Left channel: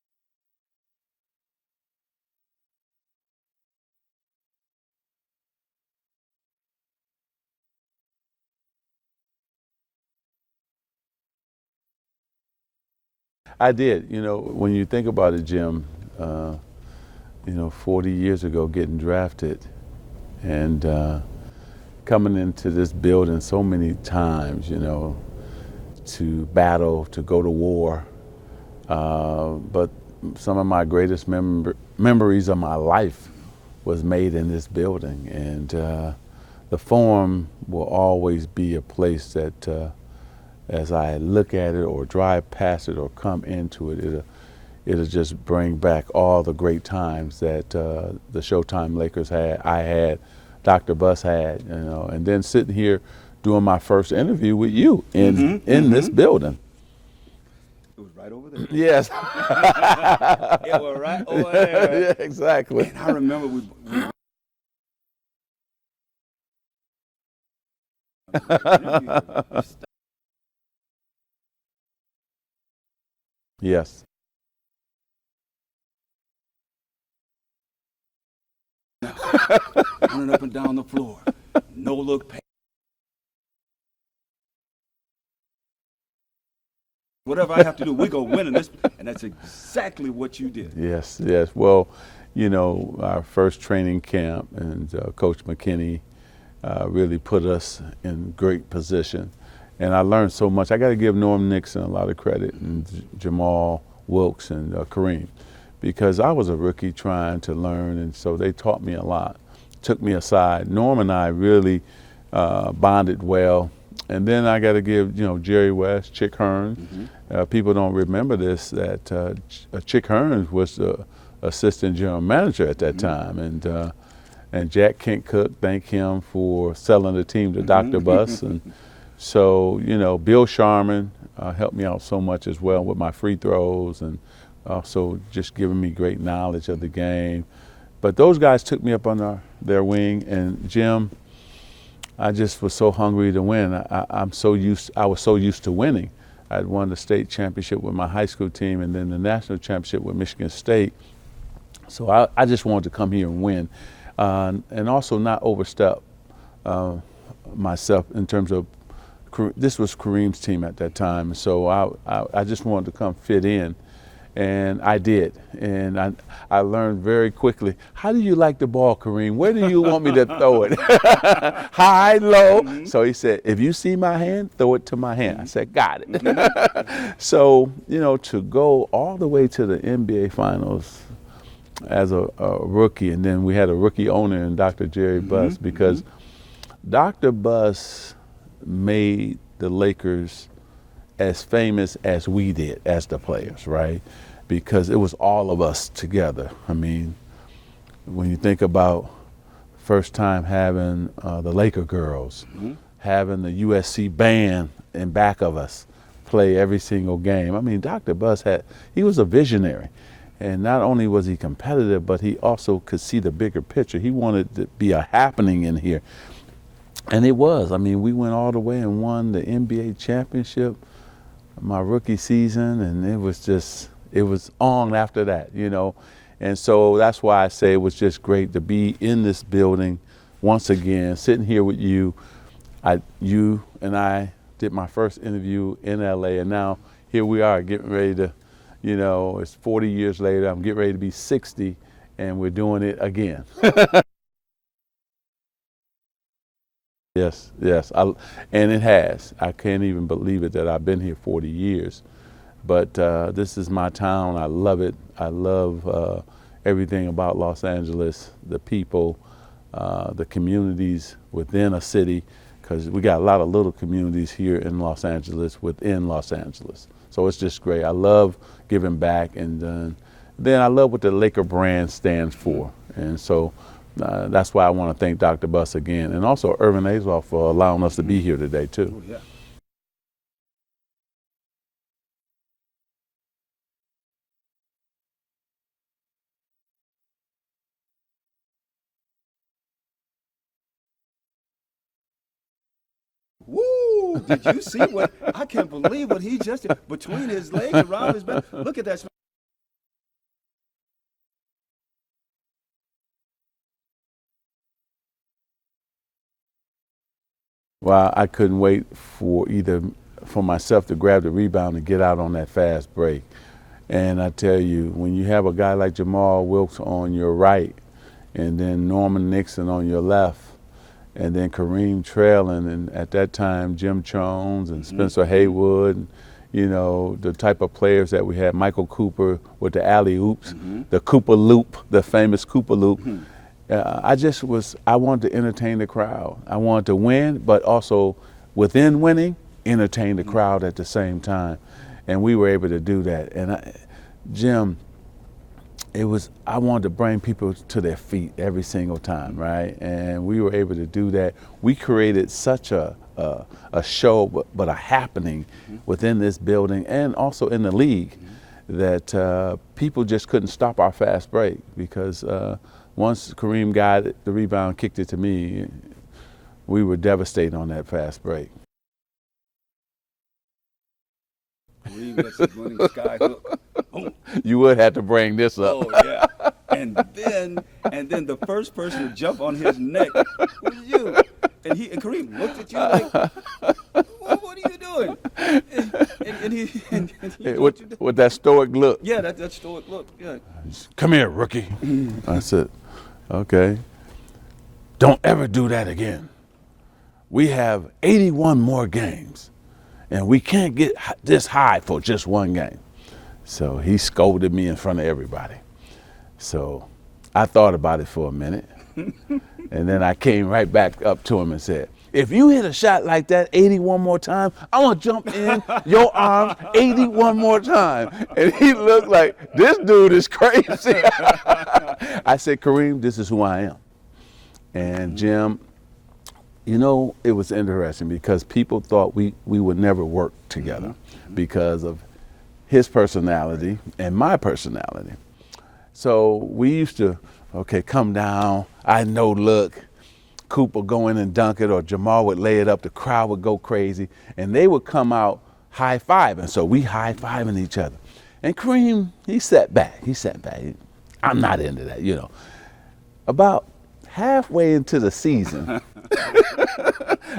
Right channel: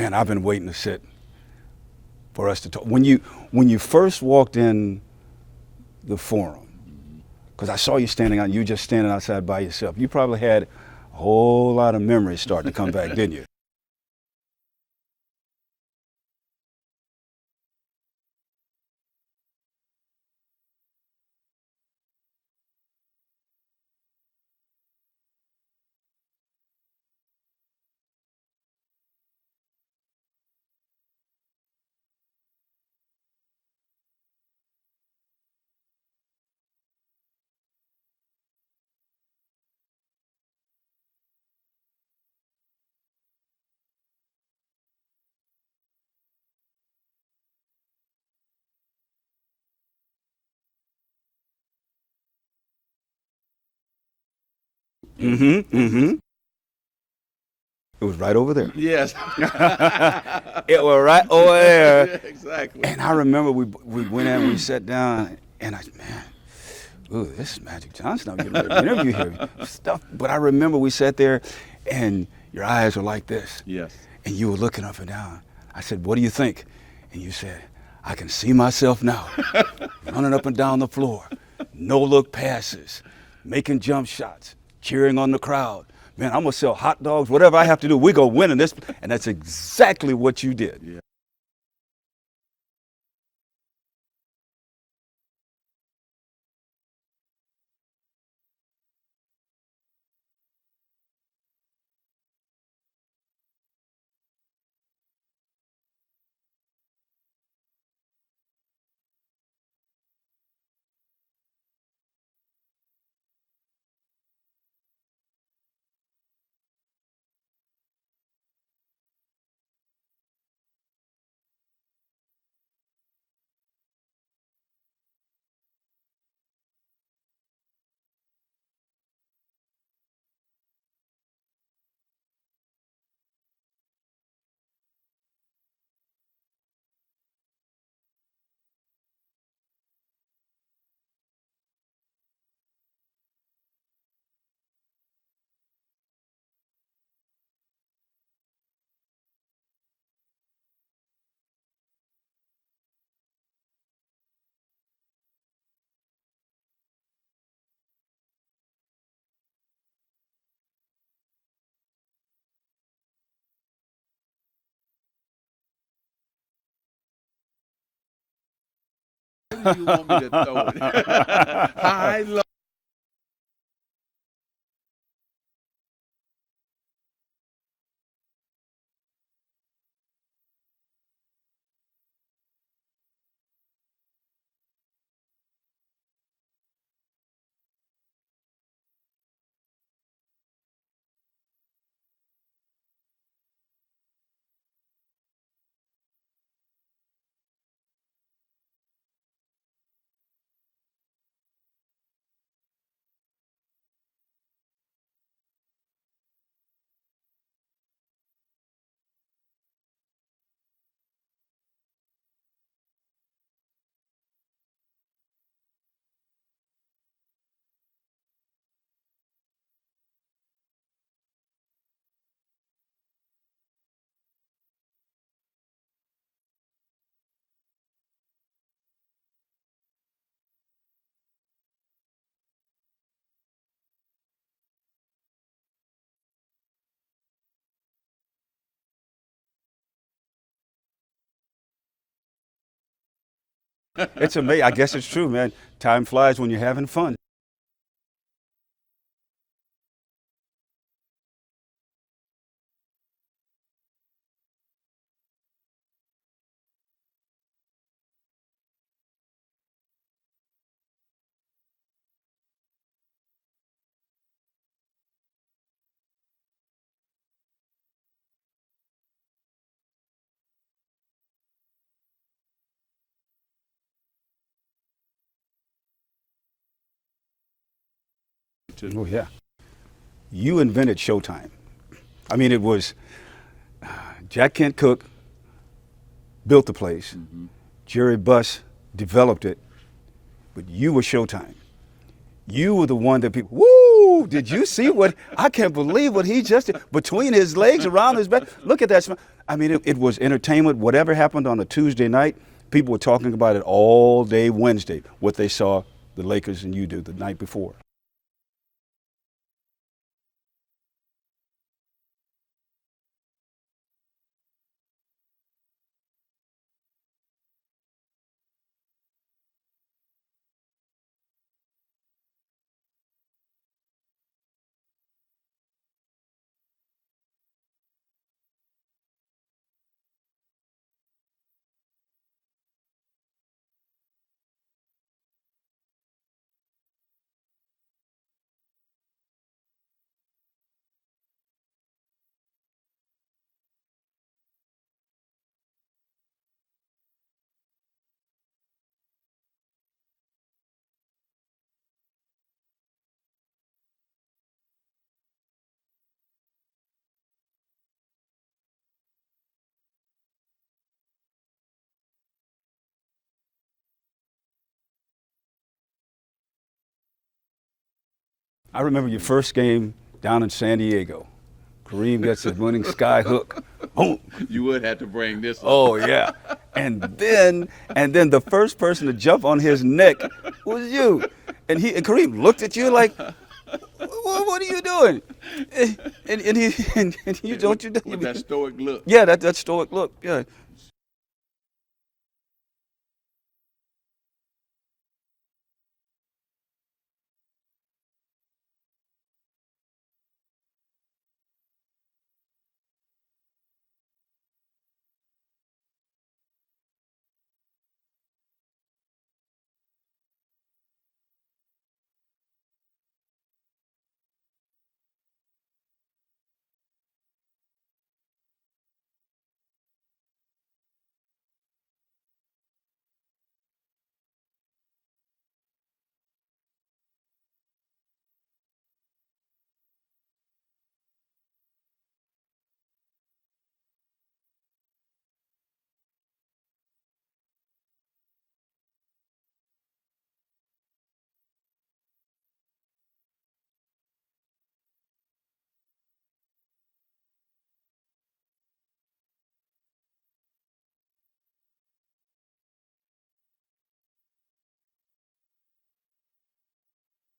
Man, I've been waiting to sit for us to talk. When you first walked in the forum, because I saw you just standing outside by yourself, you probably had a whole lot of memories starting to come back, didn't you? I did. You know, when you think about it, Jim, 40 years ago getting drafted and coming into this building so many times, to battle, to go to war. But some of my greatest memories of my life was made in this building. And the Forum will always be a place that as I look at it or drive past it or come into it, it'll just bring back all the great times that the Showtime Lakers had, I had, Dr. Buss had, and then sitting here doing my first interview with you in this building. It was right over there. Yes. It was right over there. Exactly. And I remember we went in, we sat down, and ooh, this is Magic Johnson. I'm going to interview here. Stuff. But I remember we sat there, and your eyes were like this. Yes. And you were looking up and down. I said, what do you think? And you said, I can see myself now, running up and down the floor, no-look passes, making jump shots, cheering on the crowd. Man, I'm going to sell hot dogs, whatever I have to do, we're going to win in this. And that's exactly what you did. Yes, yes. Well, our first training camp and Coach McKinney really put us in great position. And I learned so much. I got to give Norm Nixon a lot of credit and Jamal Wilkes and Kareem, because I was a rookie trying to learn, and so they taught me a lot, took me aside. Norm and I really bonded well. And then I got to give, Jerry West, Chick Hearns. People don't remember this, that Chick Hearns was the assistant general manager at that time. And Jack Kent Cook, thank him for selling the team to Dr. Buss. And so, Bill Sharman helped me out so much as well with my free throws and also just giving me great knowledge of the game. But those guys took me up under their wing, and Jim, I just was so hungry to win. I was so used to winning. I'd won the state championship with my high school team and then the national championship with Michigan State. So I just wanted to come here and win, and also not overstep myself in terms of, this was Kareem's team at that time. So I just wanted to come fit in. And I did, and I learned very quickly, how do you like the ball, Kareem? Where do you want me to throw it? High, low? So he said, if you see my hand, throw it to my hand. I said, got it. So, to go all the way to the NBA Finals as a rookie, and then we had a rookie owner in Dr. Jerry Buss, because Dr. Buss made the Lakers as famous as we did as the players, right? Because it was all of us together. I mean, when you think about first time having the Laker girls, having the USC band in back of us play every single game. I mean, Dr. Buss he was a visionary. And not only was he competitive, but he also could see the bigger picture. He wanted to be a happening in here. And it was. I mean, we went all the way and won the NBA championship my rookie season, and it was on after that, And so that's why I say it was just great to be in this building once again, sitting here with you. You and I did my first interview in LA, and now here we are getting ready to, it's 40 years later, I'm getting ready to be 60, and we're doing it again. It's amazing. I guess it's true, man. Time flies when you're having fun. Yes, yes, and it has. I can't even believe it that I've been here 40 years. But this is my town. I love it. I love everything about Los Angeles, the people, the communities within a city, because we got a lot of little communities here in Los Angeles, within Los Angeles. So it's just great. I love giving back, and then I love what the Laker brand stands for. And so that's why I want to thank Dr. Buss again, and also Earvin Johnson for allowing us to be here today, too. Oh, yeah. You invented Showtime. I mean, it was Jack Kent Cook built the place. Jerry Buss developed it, but you were Showtime. You were the one that people, woo, Ooh, did you see what? I can't believe what he just did. Between his legs, around his back. Look at that smile. I mean, it was entertainment. Whatever happened on a Tuesday night, people were talking about it all day Wednesday, what they saw the Lakers and you do the night before. Well, I couldn't wait for myself to grab the rebound and get out on that fast break. And I tell you, when you have a guy like Jamal Wilkes on your right, and then Norman Nixon on your left, and then Kareem trailing, and at that time Jim Jones and Spencer Haywood, and, you know, the type of players that we had, Michael Cooper with the alley-oops, the Cooper Loop, the famous Cooper Loop. I wanted to entertain the crowd. I wanted to win, but also within winning, entertain the crowd at the same time. And we were able to do that. And Jim, I wanted to bring people to their feet every single time, right? And we were able to do that. We created such a show, but a happening within this building and also in the league that people just couldn't stop our fast break because once Kareem got it, the rebound, kicked it to me, we were devastated on that fast break. I remember your first game down in San Diego. Kareem gets the winning sky hook. Oh, you would have to bring this up. Oh yeah, and then the first person to jump on his neck was you, and Kareem looked at you like, "What are you doing?" And he with that stoic look. Yeah, that stoic look. Yeah. Come here, rookie. I said, okay. Don't ever do that again. We have 81 more games, and we can't get this high for just one game. So he scolded me in front of everybody. So I thought about it for a minute, and then I came right back up to him and said, if you hit a shot like that 81 more times, I'm gonna jump in your arms 81 more times. And he looked like, this dude is crazy. I said, Kareem, this is who I am. And Jim, you know, it was interesting because people thought we would never work together because of his personality and my personality. So we used to, okay, come down, I know, look, Cooper go in and dunk it, or Jamal would lay it up, the crowd would go crazy, and they would come out high-fiving. So we high-fiving each other. And Kareem, he sat back. I'm not into that, you know. About halfway into the season,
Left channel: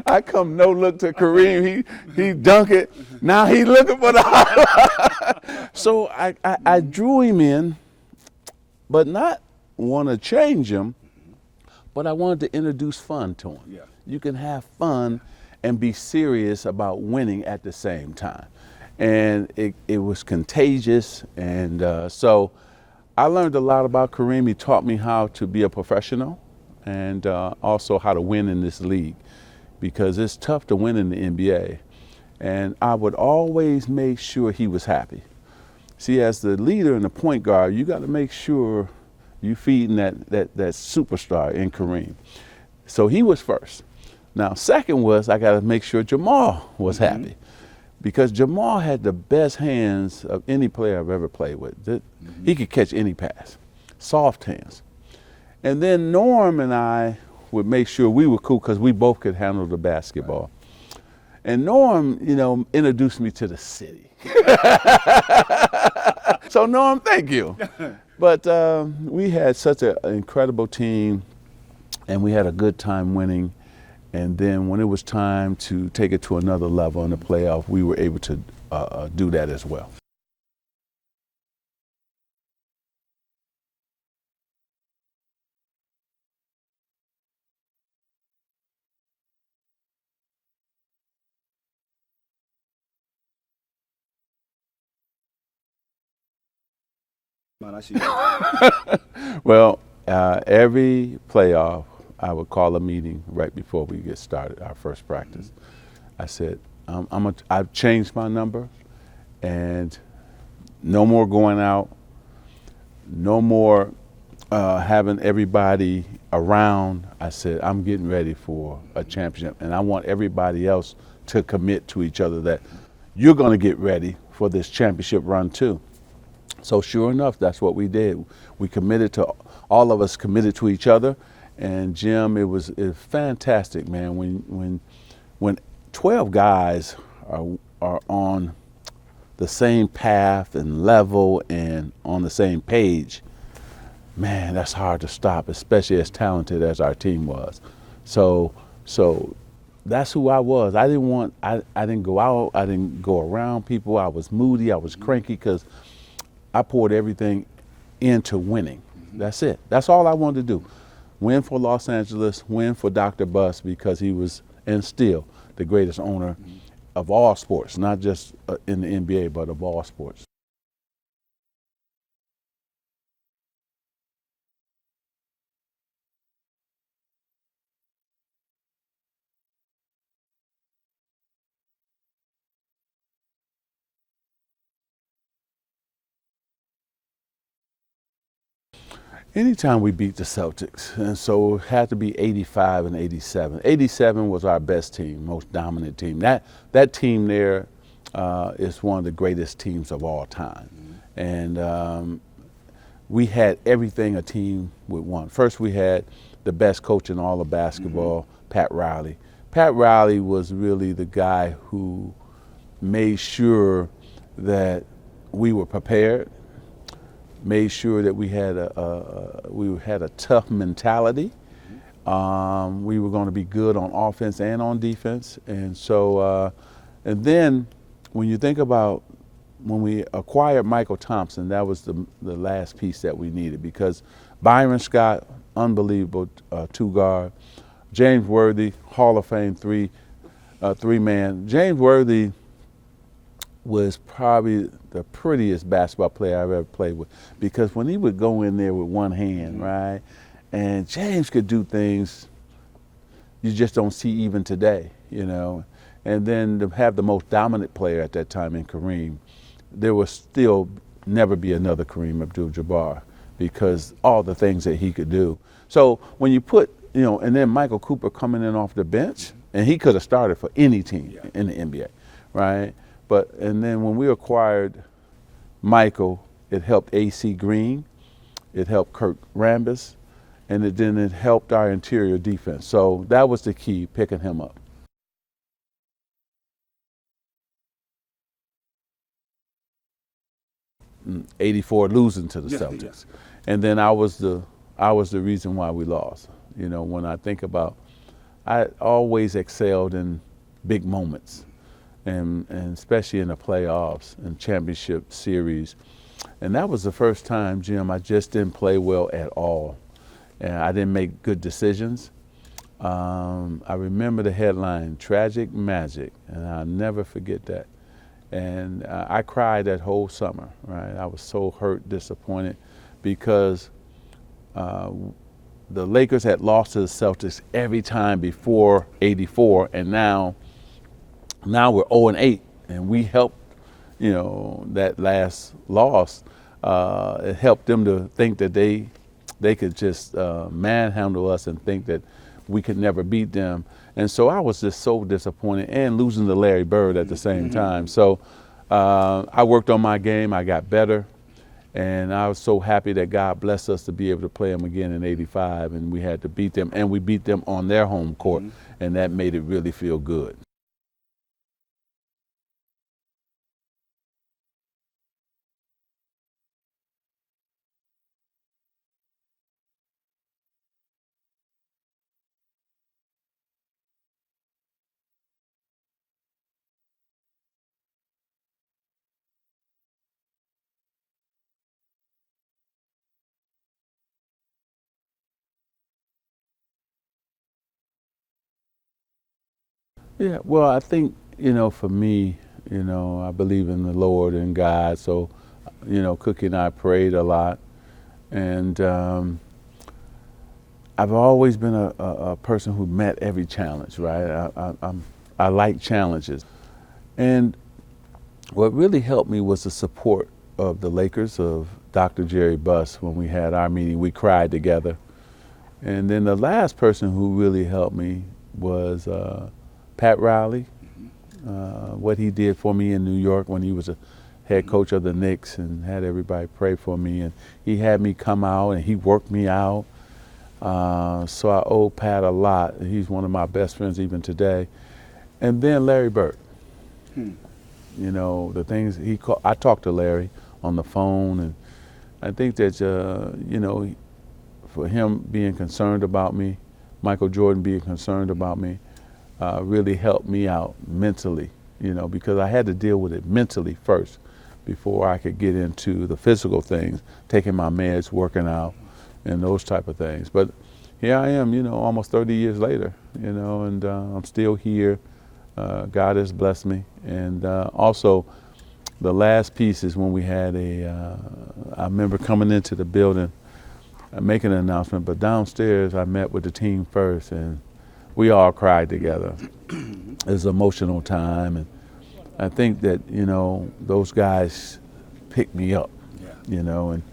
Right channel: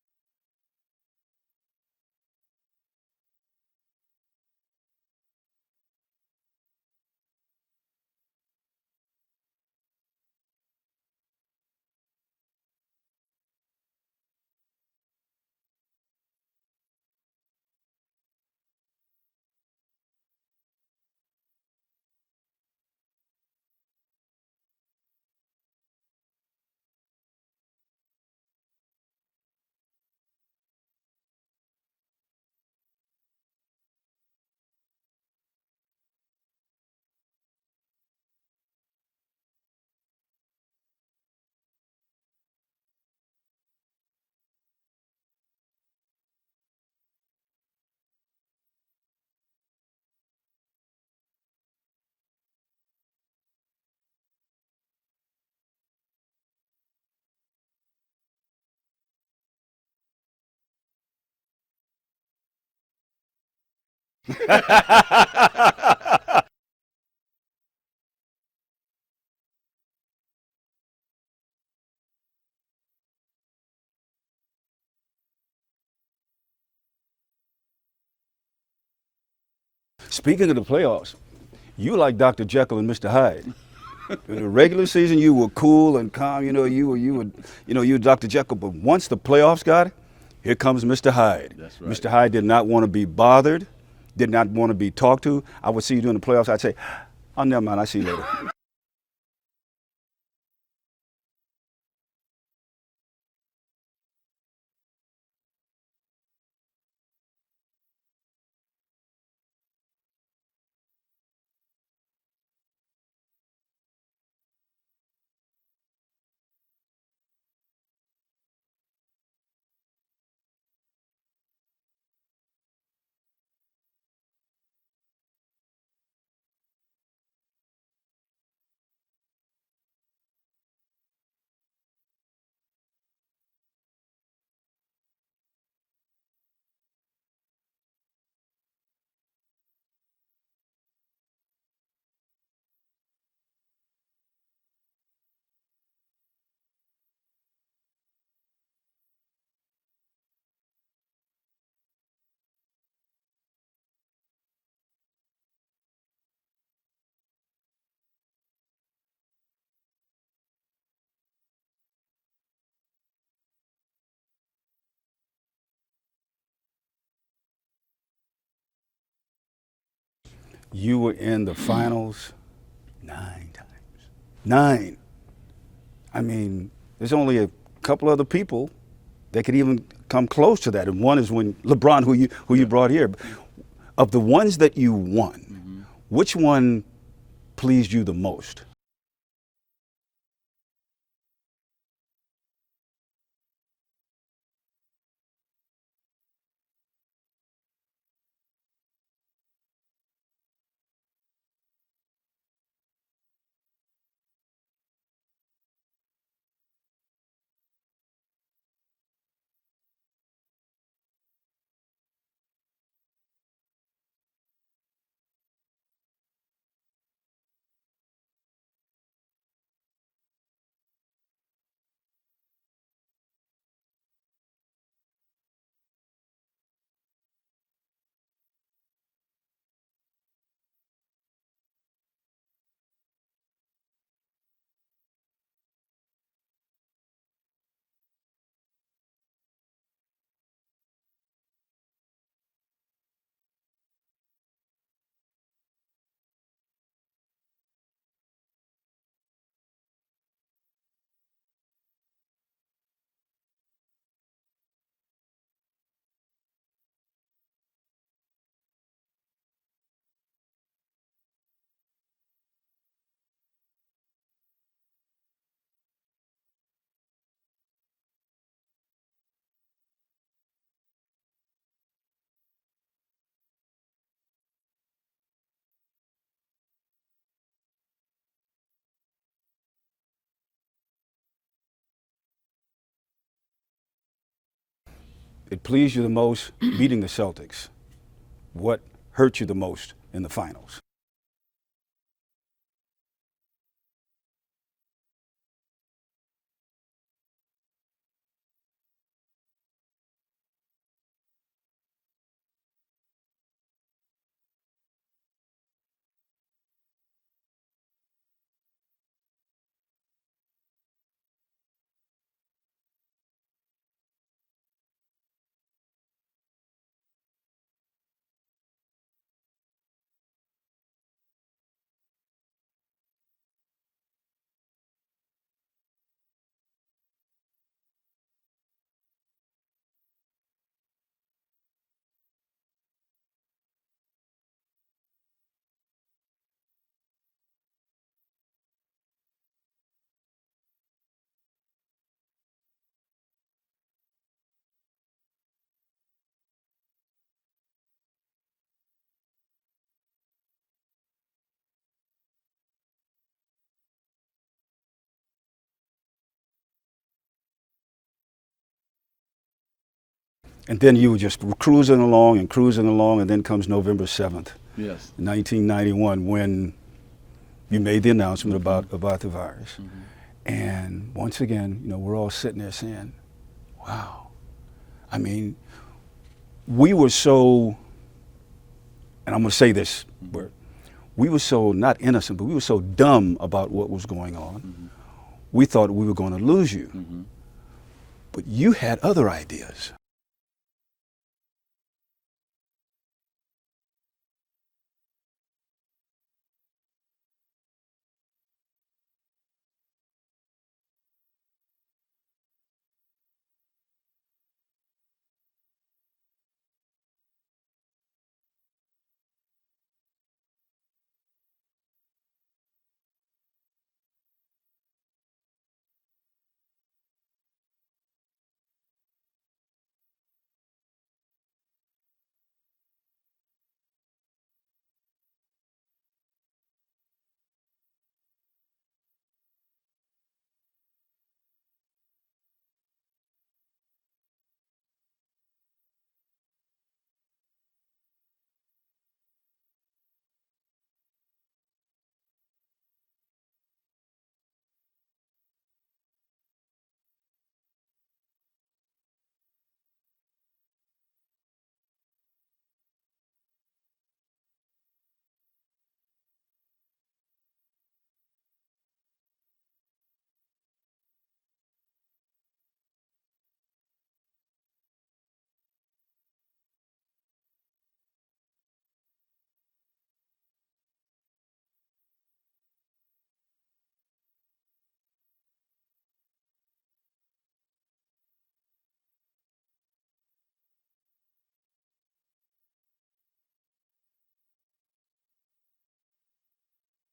I come no look to Kareem, he dunk it, now he looking for the highlight. So I drew him in, but not want to change him, but I wanted to introduce fun to him. Yeah. You can have fun and be serious about winning at the same time. And it was contagious, and so I learned a lot about Kareem. He taught me how to be a professional and also how to win in this league, because it's tough to win in the NBA. And I would always make sure he was happy. See, as the leader and the point guard, you got to make sure you feeding that superstar in Kareem. So he was first. Now, second was I got to make sure Jamal was happy, because Jamal had the best hands of any player I've ever played with. He could catch any pass, soft hands. And then Norm and I would make sure we were cool because we both could handle the basketball. And Norm, you know, introduced me to the city. So Norm, thank you. But we had such an incredible team, and we had a good time winning. And then when it was time to take it to another level in the playoff, we were able to do that as well. Speaking of the playoffs, you like Dr. Jekyll and Mr. Hyde. In the regular season, you were cool and calm. You were Dr. Jekyll. But once the playoffs got it, here comes Mr. Hyde. That's right. Mr. Hyde did not want to be bothered, did not want to be talked to. I would see you during the playoffs. I'd say, oh, never mind, I see you. Well, every playoff, I would call a meeting right before we get started, our first practice. I said, I've changed my number, and no more going out, no more having everybody around. I said, I'm getting ready for a championship, and I want everybody else to commit to each other that you're going to get ready for this championship run too. So sure enough, that's what we did. We committed to, all of us committed to each other. And Jim, it was fantastic, man. When 12 guys are on the same path and level and on the same page, man, that's hard to stop, especially as talented as our team was. So that's who I was. I didn't go out, I didn't go around people. I was moody, I was cranky because I poured everything into winning. That's it. That's all I wanted to do. Win for Los Angeles, win for Dr. Buss, because he was, and still, the greatest owner of all sports, not just in the NBA, but of all sports. You were in the finals 9 times. 9. I mean, there's only a couple other people that could even come close to that. And one is when LeBron, who you brought here. Of the ones that you won, which one pleased you the most? Anytime we beat the Celtics, and so it had to be 85 and 87. 87 was our best team, most dominant team. That team there is one of the greatest teams of all time. And we had everything a team would want. First, we had the best coach in all of basketball, Pat Riley. Pat Riley was really the guy who made sure that we were prepared, made sure that we had a tough mentality. We were going to be good on offense and on defense. And so, and then when you think about when we acquired Michael Thompson, that was the last piece that we needed, because Byron Scott, unbelievable two-guard. James Worthy, Hall of Fame three-man. James Worthy was probably the prettiest basketball player I've ever played with, because when he would go in there with one hand, right, and James could do things you just don't see even today, you know. And then to have the most dominant player at that time in Kareem, there will still never be another Kareem Abdul-Jabbar, because all the things that he could do. So when you put, you know, and then Michael Cooper coming in off the bench, and he could have started for any team in the NBA, right? And then when we acquired Michael, it helped AC Green, it helped Kirk Rambis, and then it helped our interior defense. So that was the key, picking him up. It pleased you the most beating the Celtics. What hurt you the most in the finals? 84, losing to the Celtics. Yeah. And then I was the reason why we lost. You know, when I think about, I always excelled in big moments, and especially in the playoffs and championship series. And that was the first time, Jim, I just didn't play well at all. And I didn't make good decisions. I remember the headline, Tragic Magic, and I'll never forget that. And I cried that whole summer, right? I was so hurt, disappointed, because the Lakers had lost to the Celtics every time before '84, and now we're 0-8, and we helped, you know, that last loss. It helped them to think that they could just manhandle us and think that we could never beat them. And so I was just so disappointed, and losing to Larry Bird at the same time. So I worked on my game, I got better, and I was so happy that God blessed us to be able to play them again in '85, and we had to beat them, and we beat them on their home court, and that made it really feel good. And then you were just cruising along, and then comes November 7th, Yes. 1991, when you made the announcement about the virus. And once again, you know, we're all sitting there saying, wow. I mean, we were so, and I'm going to say this word, we were so not innocent, but we were so dumb about what was going on. We thought we were going to lose you. But you had other ideas. Yeah, well, I think, you know, for me, you know, I believe in the Lord and God. So, you know, Cookie and I prayed a lot. And I've always been a person who met every challenge, right? I like challenges. And what really helped me was the support of the Lakers, of Dr. Jerry Buss. When we had our meeting, we cried together. And then the last person who really helped me was Pat Riley, what he did for me in New York when he was a head coach of the Knicks and had everybody pray for me. And he had me come out and he worked me out. So I owe Pat a lot. He's one of my best friends even today. And then Larry Bird. Hmm. You know, the things I talked to Larry on the phone, and I think that, you know, for him being concerned about me, Michael Jordan being concerned about me, really helped me out mentally, you know, because I had to deal with it mentally first before I could get into the physical things, taking my meds, working out, and those type of things. But here I am, you know, almost 30 years later, you know, and I'm still here. God has blessed me. And also, the last piece is when we had I remember coming into the building, making an announcement, but downstairs I met with the team first, and we all cried together. It was an emotional time, and I think that, you know, those guys picked me up, you know, and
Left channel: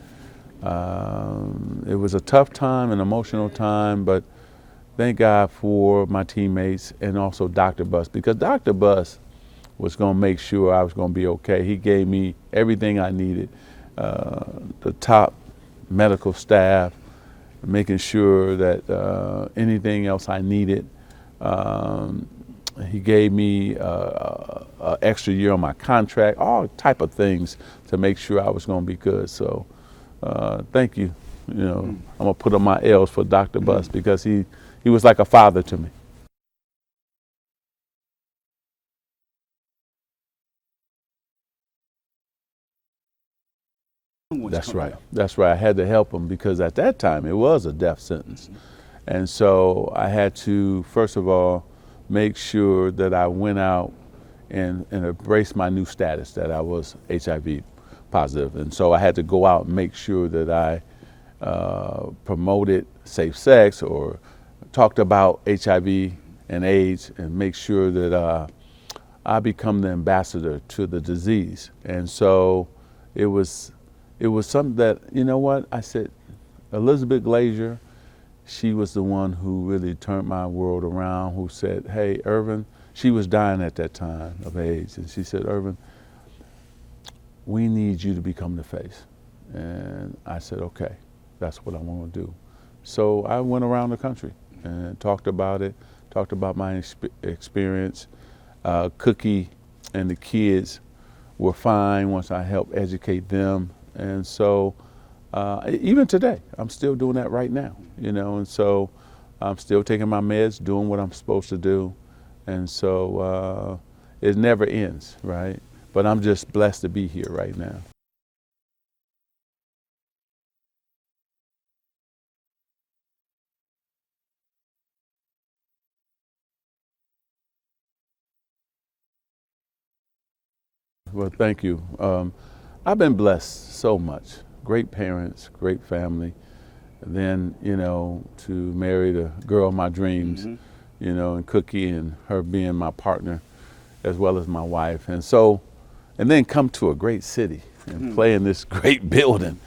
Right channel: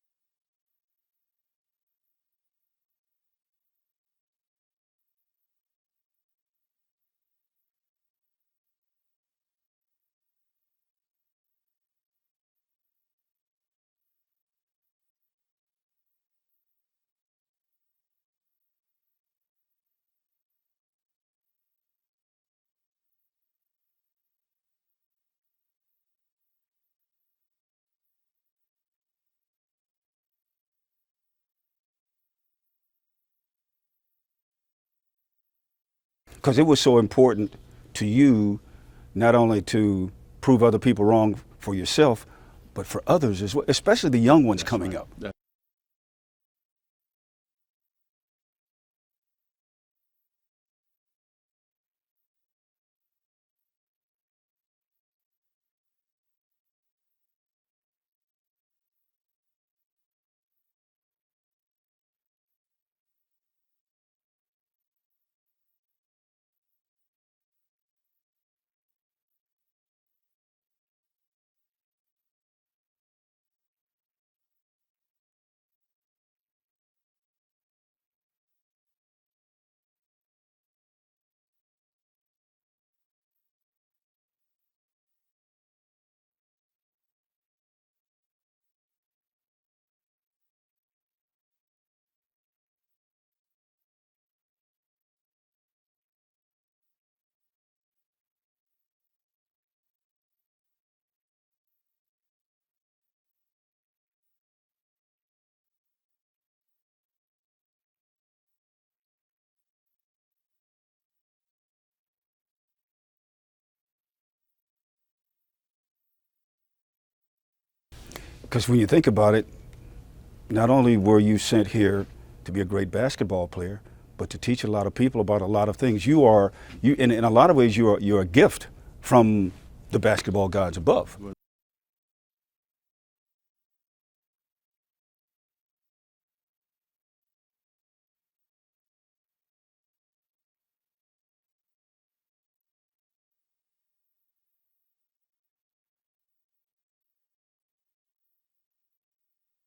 it was a tough time, an emotional time, but thank God for my teammates and also Dr. Buss, because Dr. Buss was going to make sure I was going to be okay. He gave me everything I needed, the top medical staff, making sure that anything else I needed. He gave me an extra year on my contract, all type of things to make sure I was going to be good. So thank you. You know, I'm going to put on my L's for Dr. Buss, because he was like a father to me. Because it was so important to you, not only to prove other people wrong for yourself, but for others as well, especially the young ones coming up. That's right. I had to help them, because at that time it was a death sentence. And so I had to, first of all, make sure that I went out and embraced my new status, that I was HIV positive. And so I had to go out and make sure that I promoted safe sex or talked about HIV and AIDS, and make sure that I become the ambassador to the disease. And so it was something that, you know what, I said, Elizabeth Glazier, she was the one who really turned my world around, who said, hey, Earvin, she was dying at that time of AIDS, and she said, Earvin, we need you to become the face. And I said, okay, that's what I want to do. So I went around the country and talked about it, talked about my experience. Cookie and the kids were fine once I helped educate them. And so even today, I'm still doing that right now, you know, and so I'm still taking my meds, doing what I'm supposed to do. And so it never ends, right? But I'm just blessed to be here right now. Because when you think about it, not only were you sent here to be a great basketball player, but to teach a lot of people about a lot of things. In a lot of ways, you're a gift from the basketball gods above. Well, thank you. I've been blessed so much. Great parents, great family. And then, you know, to marry the girl of my dreams, you know, and Cookie, and her being my partner as well as my wife. And so, and then come to a great city and play in this great building.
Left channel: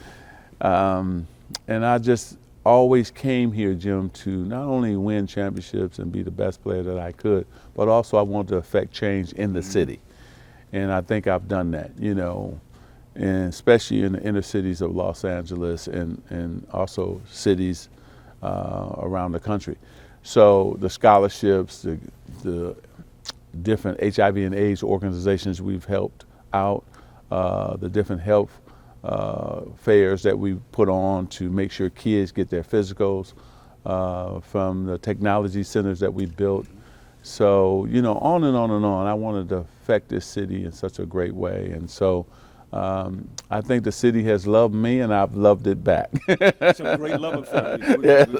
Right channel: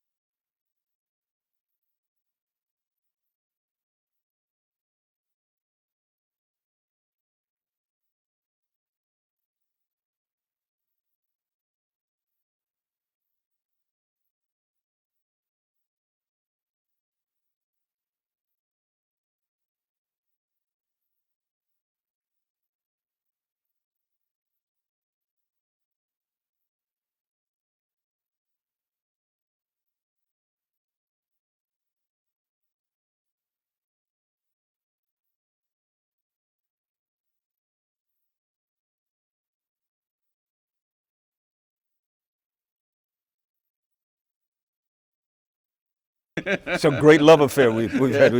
And I just always came here, Jim, to not only win championships and be the best player that I could, but also I wanted to affect change in the city. And I think I've done that, you know, and especially in the inner cities of Los Angeles and also cities around the country. So the scholarships, the different HIV and AIDS organizations we've helped out, the different health fairs that we put on to make sure kids get their physicals, from the technology centers that we built. So, you know, on and on and on. I wanted to affect this city in such a great way. And so I think the city has loved me, and I've loved it back. It's a great love affair we've had.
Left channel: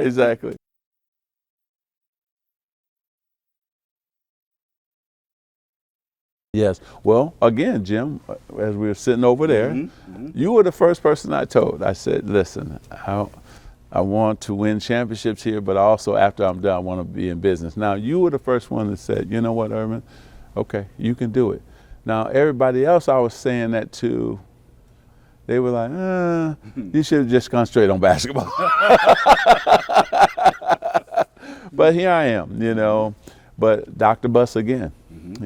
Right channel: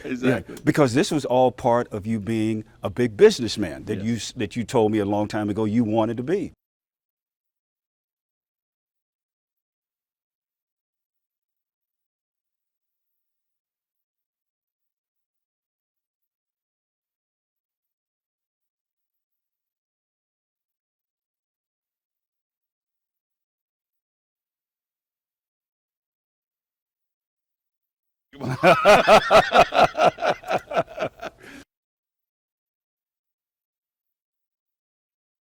Exactly. Because this was all part of you being a big businessman that you told me a long time ago you wanted to be. Yes. Well, again, Jim, as we were sitting over there, you were the first person I told. I said, listen, I want to win championships here, but also after I'm done, I want to be in business. Now, you were the first one that said, you know what, Earvin, okay, you can do it. Now, everybody else I was saying that to, they were like, you should have just gone straight on basketball. But here I am, you know. But Dr. Buss again,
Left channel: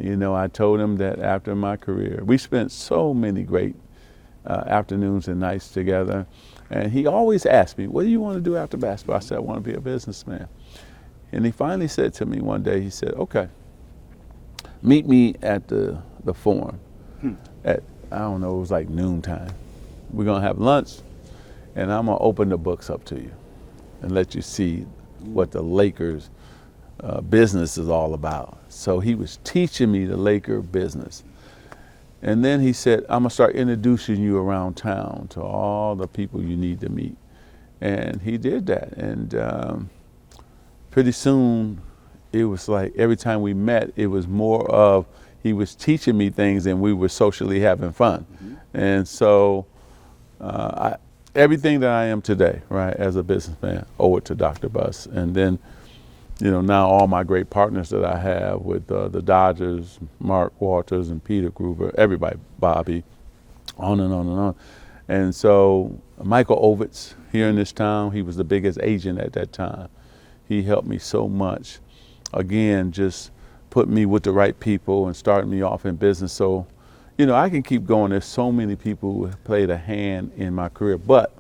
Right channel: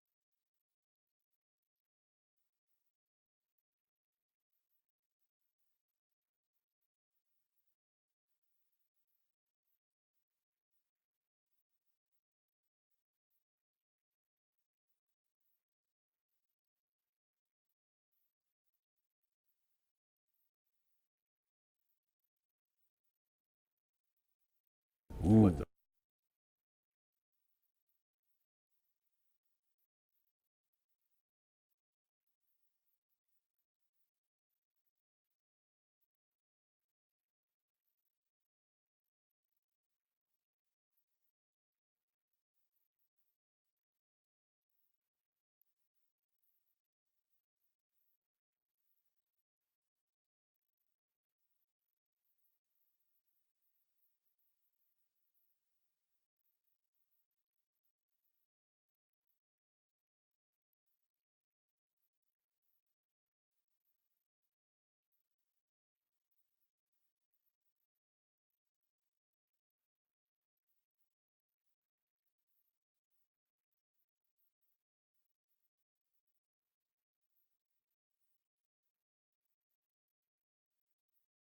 you know, I told him that after my career, we spent so many great afternoons and nights together. And he always asked me, what do you want to do after basketball? I said, I want to be a businessman. And he finally said to me one day, he said, okay, meet me at the Forum at, I don't know, it was like noontime. We're gonna have lunch, and I'm gonna open the books up to you and let you see what the Lakers business is all about. So he was teaching me the Laker business. And then he said, I'm gonna start introducing you around town to all the people you need to meet. And he did that. And pretty soon, it was like every time we met, it was more of he was teaching me things and we were socially having fun. And so everything that I am today, right, as a businessman, owe it to Dr. Buss. And then, you know, now all my great partners that I have with the Dodgers, Mark Walters and Peter Gruber, everybody, Bobby, on and on and on. And so Michael Ovitz here in this town, he was the biggest agent at that time. He helped me so much. Again, just put me with the right people and started me off in business. So, you know, I can keep going. There's so many people who have played a hand in my career, but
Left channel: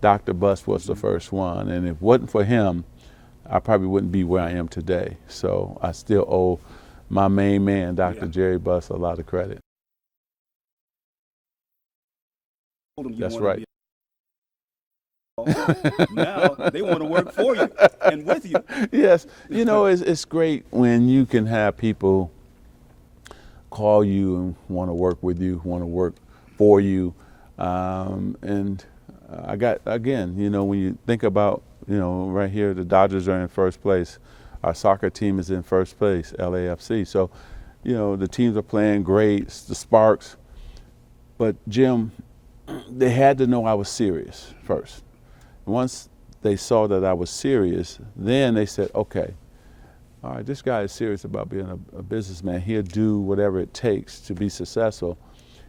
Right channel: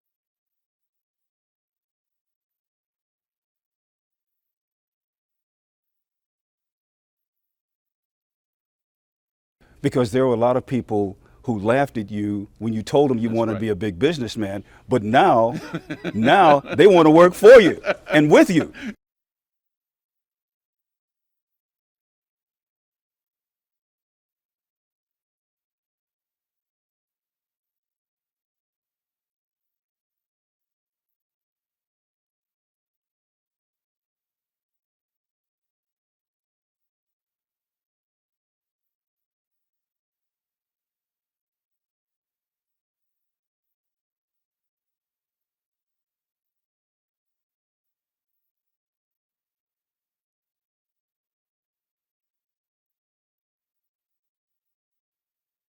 Dr. Buss was the first one. And if it wasn't for him, I probably wouldn't be where I am today. So I still owe my main man, Dr. Jerry Buss, a lot of credit. Because there were a lot of people who laughed at you when you told them you wanted to be a big businessman, but now they want to work for you and with you. Yes, you know, it's great when you can have people call you and want to work with you, want to work for you. And I got, again, you know, when you think about, you know, right here, the Dodgers are in first place. Our soccer team is in first place, LAFC. So, you know, the teams are playing great, the Sparks. But Jim, they had to know I was serious first. Once they saw that I was serious, then they said, okay, all right, this guy is serious about being a businessman. He'll do whatever it takes to be successful.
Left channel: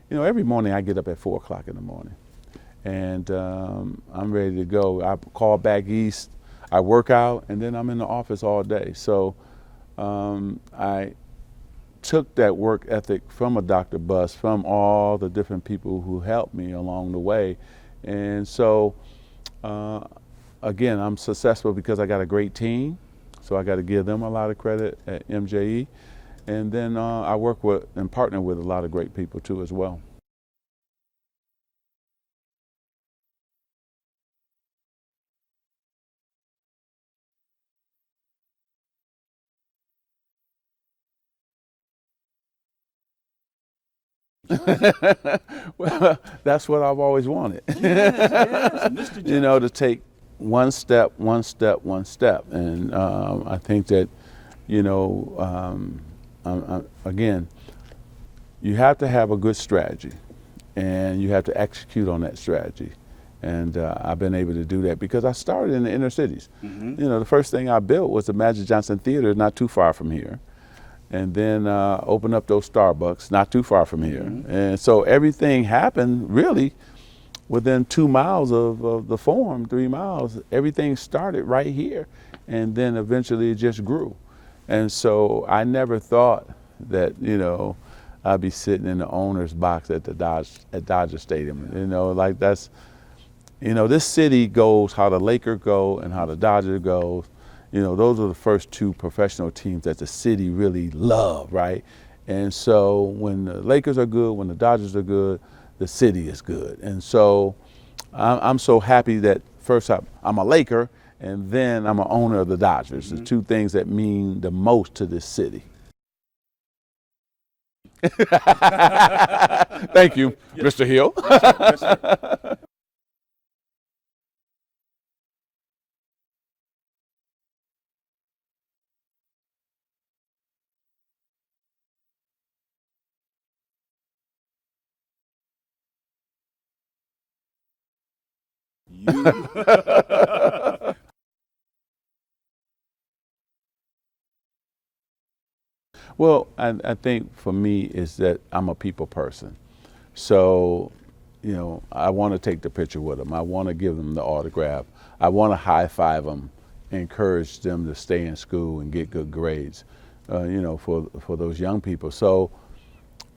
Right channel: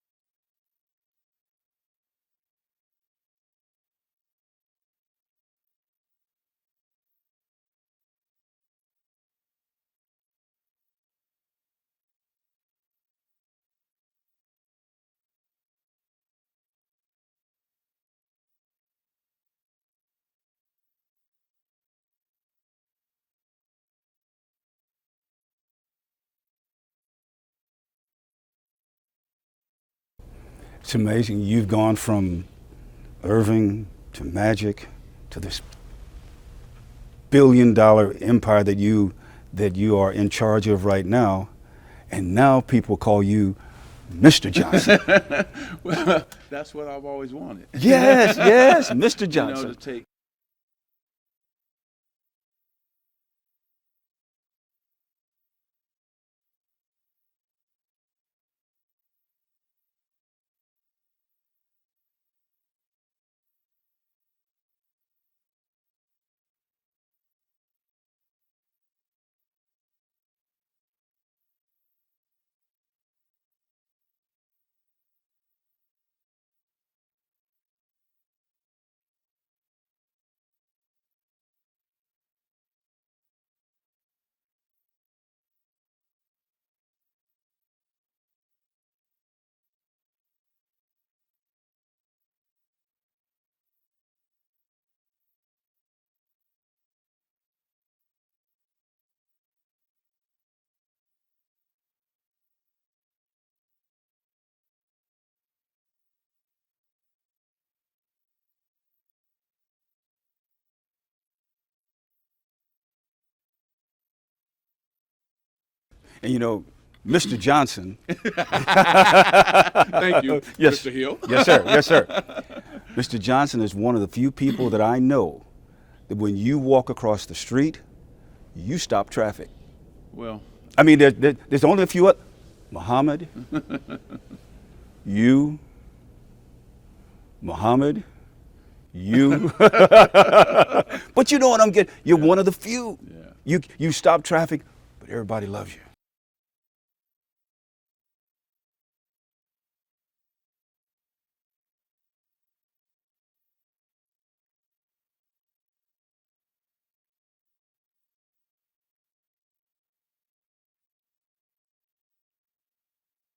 You know, every morning I get up at 4 o'clock in the morning. And I'm ready to go. I call back east, I work out, and then I'm in the office all day. So I took that work ethic from a Dr. Buss, from all the different people who helped me along the way. And so, again, I'm successful because I got a great team. So I got to give them a lot of credit at MJE. And then I work with and partner with a lot of great people too as well. It's amazing. You've gone from Earvin to Magic to this billion-dollar empire that you are in charge of right now, and now people call you Mr. Johnson. Well, that's what I've always wanted. Yes, Mr. Johnson. You know, to take one step, one step, one step, and I think that, you know, again, you have to have a good strategy, and you have to execute on that strategy. And I've been able to do that because I started in the inner cities. You know, the first thing I built was the Magic Johnson Theater, not too far from here. And then opened up those Starbucks, not too far from here. And so everything happened really within 2 miles of the Forum, 3 miles. Everything started right here. And then eventually it just grew. And so I never thought that, you know, I'd be sitting in the owner's box at Dodger Stadium. You know, like that's, you know, this city goes how the Lakers go and how the Dodgers goes. You know, those are the first two professional teams that the city really love, right? And so when the Lakers are good, when the Dodgers are good, the city is good. And so I'm so happy that first I'm a Laker and then I'm an owner of the Dodgers, the two things that mean the most to this city. And you know, Mr. Johnson. Thank you, Mr. Hill. Yes, sir. Yes, sir. Mr. Johnson is one of the few people that I know that when you walk across the street, you stop traffic. Well, I mean, there's only a few. Muhammad, you, Muhammad, you. But you know what I'm getting? You're one of the few. Yeah. You stop traffic, but everybody loves you. Well, I think for me is that I'm a people person. So, you know, I want to take the picture with them. I want to give them the autograph. I want to high five them, encourage them to stay in school and get good grades, you know, for those young people. So,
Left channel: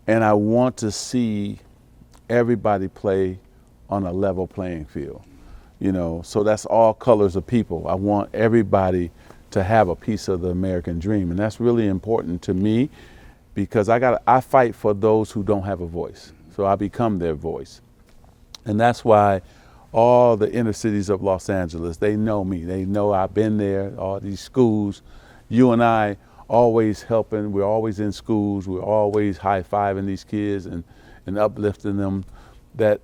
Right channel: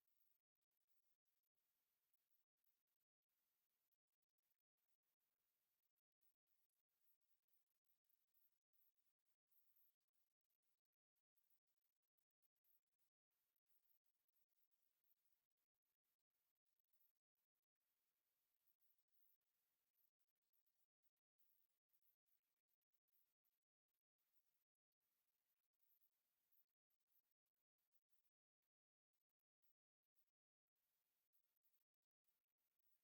and I want to see everybody play on a level playing field, you know, so that's all colors of people. I want everybody to have a piece of the American dream, and that's really important to me. because I fight for those who don't have a voice. So I become their voice. And that's why all the inner cities of Los Angeles, they know me. They know I've been there, all these schools. You and I always helping. We're always in schools. We're always high-fiving these kids and uplifting them. That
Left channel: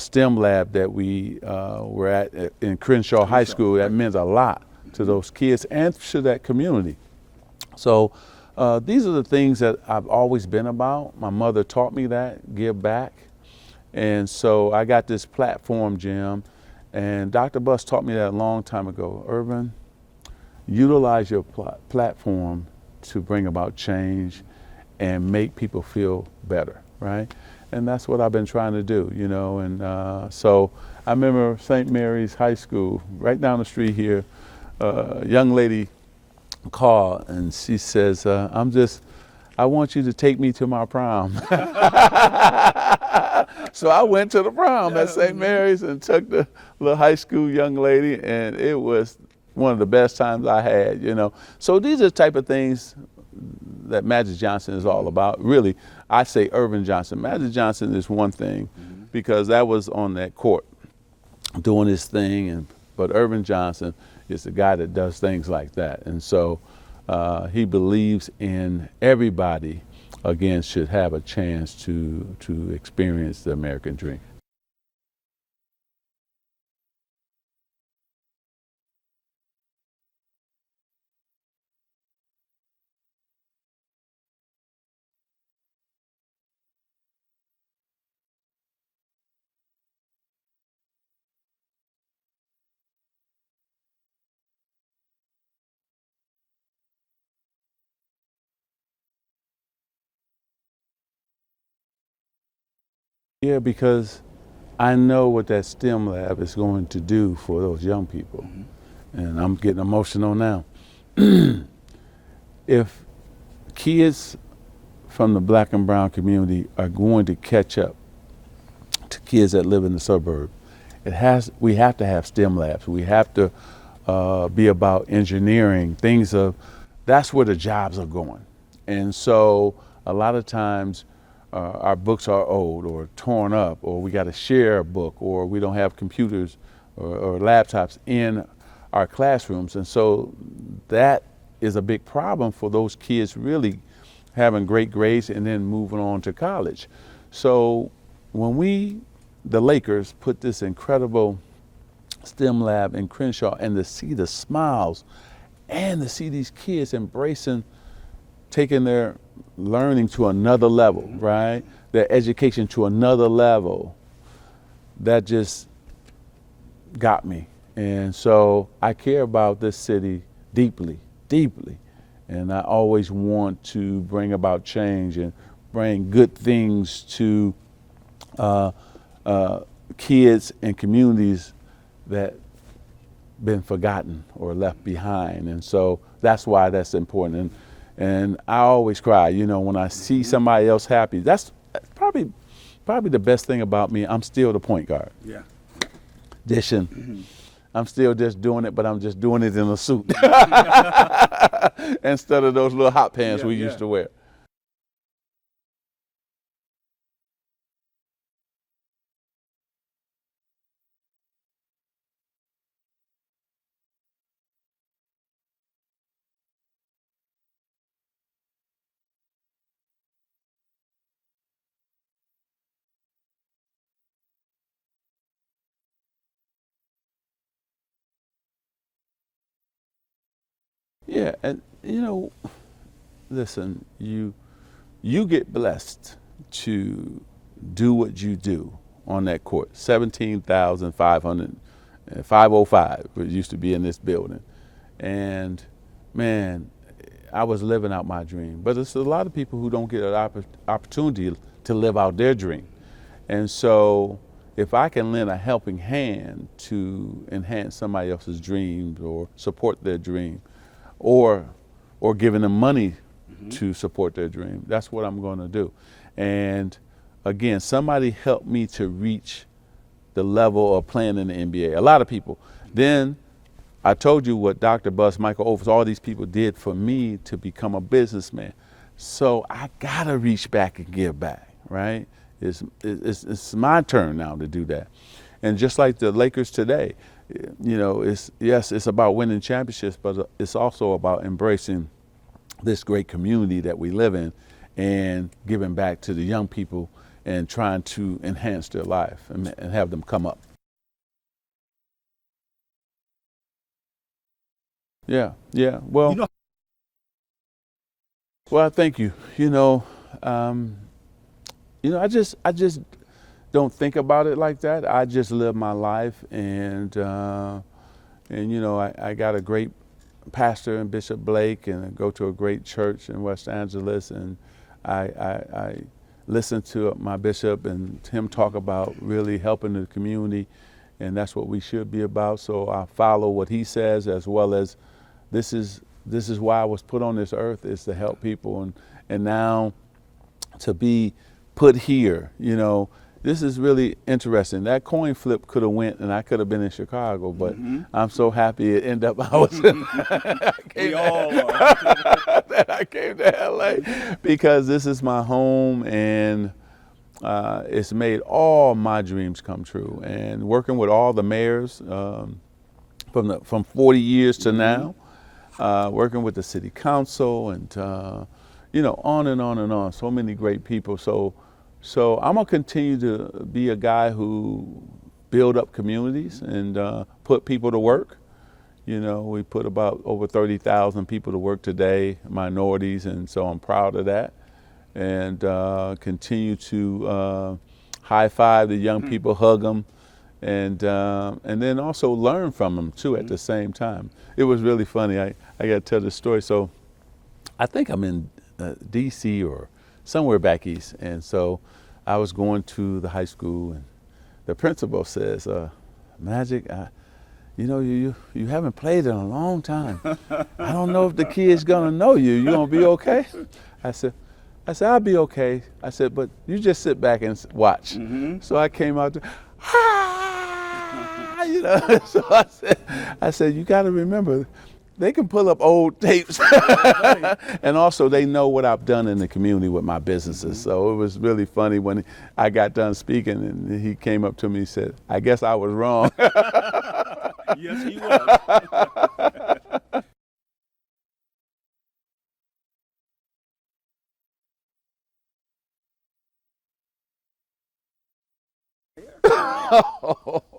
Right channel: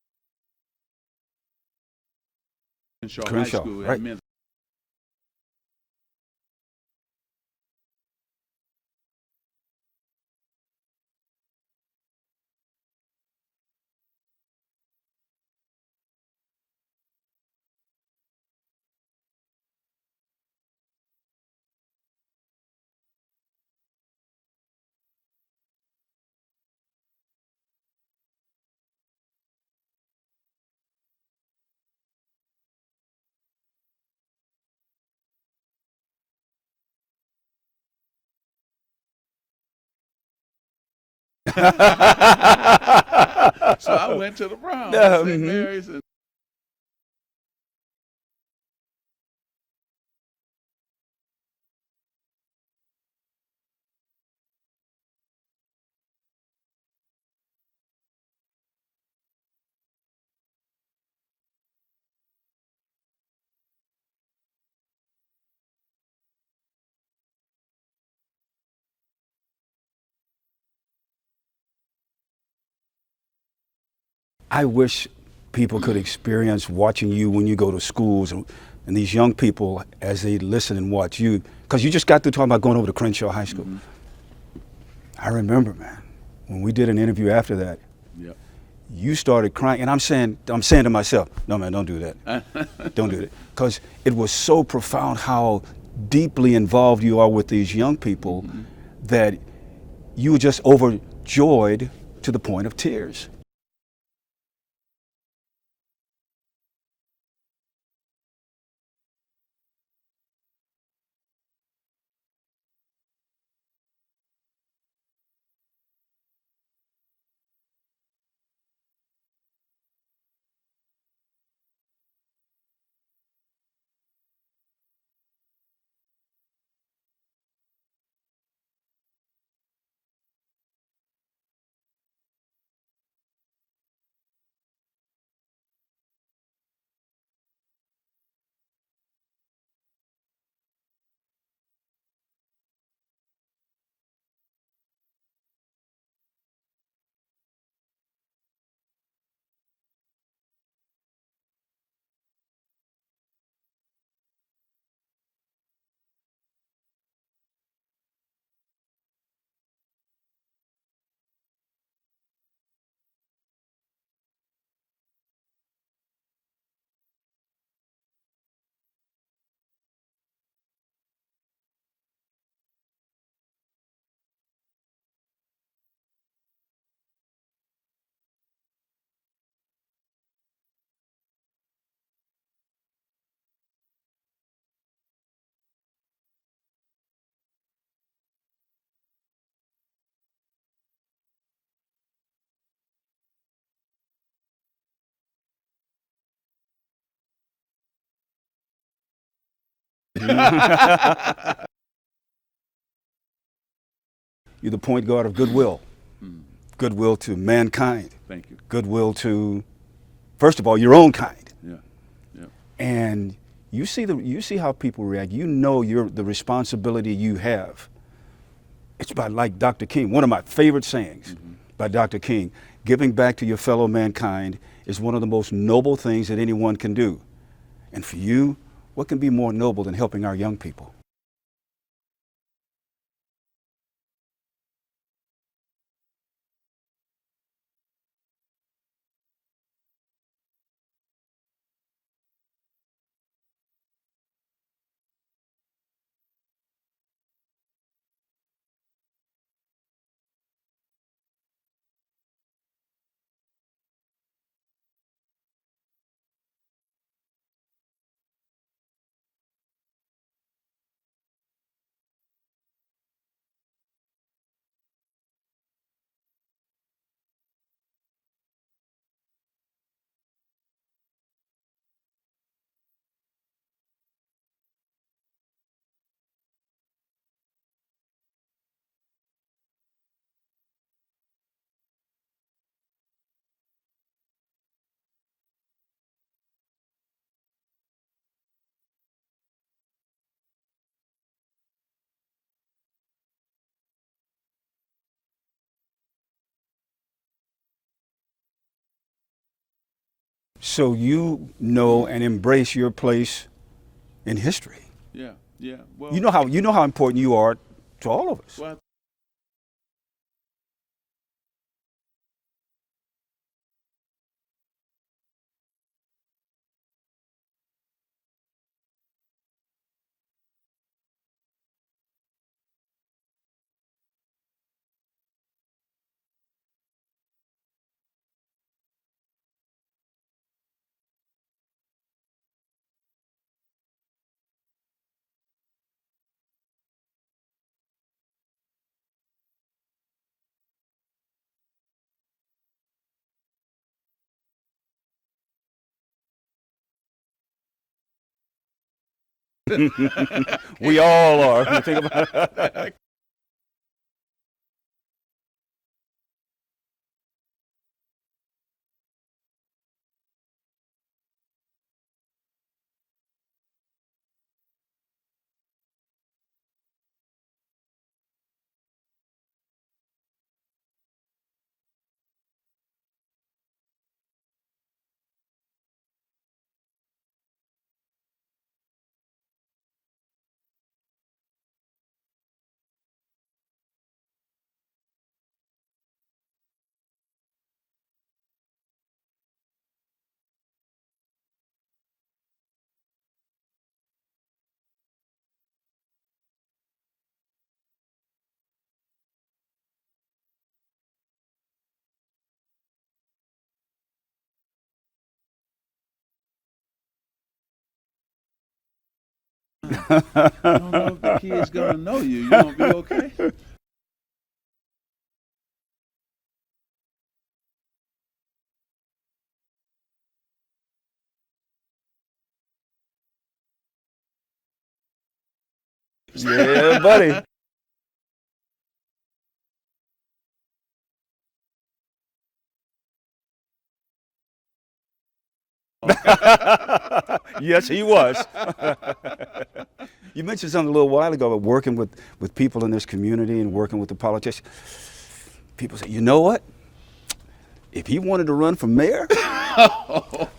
STEM lab that we were at in Crenshaw High School, that means a lot to those kids and to that community. So these are the things that I've always been about. My mother taught me that, give back. And so I got this platform, Jim, and Dr. Buss taught me that a long time ago. Earvin, utilize your platform to bring about change and make people feel better, right? And that's what I've been trying to do, you know. And so I remember St. Mary's High School, right down the street here, a young lady called and she says, I want you to take me to my prom. So I went to the prom at St. Mary's and took the little high school young lady, and it was one of the best times I had, you know. So these are the type of things that Magic Johnson is all about. Really, I say Earvin Johnson. Magic Johnson is one thing because that was on that court doing his thing, but Earvin Johnson is the guy that does things like that. And so he believes in everybody, again, should have a chance to experience the American dream. I wish people could experience watching you when you go to schools and these young people as they listen and watch you, because you just got through talking about going over to Crenshaw High School. I remember, man, when we did an interview after that, you started crying, and I'm saying to myself, no, man, don't do that. Don't do that. Because it was so profound how deeply involved you are with these young people that you were just overjoyed to the point of tears. Yeah, because I know what that STEM lab is going to do for those young people. And I'm getting emotional now. If kids from the black and brown community are going to catch up to kids that live in the suburb, we have to have STEM labs. We have to be about engineering, that's where the jobs are going. And so a lot of times our books are old or torn up, or we got to share a book, or we don't have computers or laptops in our classrooms. And so that is a big problem for those kids really having great grades and then moving on to college. So when the Lakers, put this incredible STEM lab in Crenshaw, and to see the smiles and to see these kids embracing, taking their learning to another level, right? Their education to another level, that just got me. And so I care about this city deeply, deeply. And I always want to bring about change and bring good things to kids and communities that been forgotten or left behind. And so that's why that's important. And I always cry, you know, when I see somebody else happy. That's probably the best thing about me. I'm still the point guard. Yeah. Dishing. I'm still just doing it, but I'm just doing it in a suit instead of those little hot pants we used to wear. You're the point guard of goodwill. Goodwill to mankind. Thank you. Goodwill to, first of all, your own kind. Yeah. And you see how people react. You know the responsibility you have. It's by, like Dr. King, one of my favorite sayings by Dr. King, giving back to your fellow mankind is one of the most noble things that anyone can do. And for you, what can be more noble than helping our young people? Yeah, and you know, listen, you get blessed to do what you do on that court. 505 it used to be in this building. And man, I was living out my dream. But there's a lot of people who don't get an opportunity to live out their dream. And so if I can lend a helping hand to enhance somebody else's dreams or support their dream, or giving them money to support their dream, that's what I'm going to do. And again, somebody helped me to reach the level of playing in the NBA. A lot of people. Then I told you what Dr. Buss, Michael Overs, all these people did for me to become a businessman. So I gotta reach back and give back, right? It's my turn now to do that. And just like the Lakers today, you know, it's about winning championships, but it's also about embracing this great community that we live in and giving back to the young people and trying to enhance their life and have them come up. So you know and embrace your place in history. Yeah, yeah. Well, you know how important you are to all of us. Well, thank you. I just don't think about it like that. I just live my life, and you know, I got a great pastor in Bishop Blake, and I go to a great church in West Angeles, and I listen to my bishop and him talk about really helping the community, and that's what we should be about. So I follow what he says, as well as this is why I was put on this earth, is to help people, and now to be put here, you know, this is really interesting. That coin flip could have went, and I could have been in Chicago, but I'm so happy it ended up I was. We all are. I came to LA because this is my home, and it's made all my dreams come true. And working with all the mayors from 40 years to now, working with the city council, and you know, on and on and on. So many great people. So I'm gonna continue to be a guy who build up communities and put people to work. You know, we put about over 30,000 people to work today, minorities, and so I'm proud of that. And continue to high five the young people, hug them, and then also learn from them too at the same time. It was really funny. I got to tell this story. So I think I'm in DC or somewhere back east, and so I was going to the high school, and the principal says, Magic, you know, you haven't played in a long time. I don't know if the kid's gonna know you. You gonna be okay? I said, I'll be okay. I said, but you just sit back and watch. So I came out there, you know. So I said, you got to remember, they can pull up old tapes, and also they know what I've done in the community with my businesses. So it was really funny when I got done speaking, and he came up to me and said, I guess I was wrong. Yes, he was. You mentioned something a little while ago about working with people in this community and working with the politicians. People say, you know what? If he wanted to run for mayor,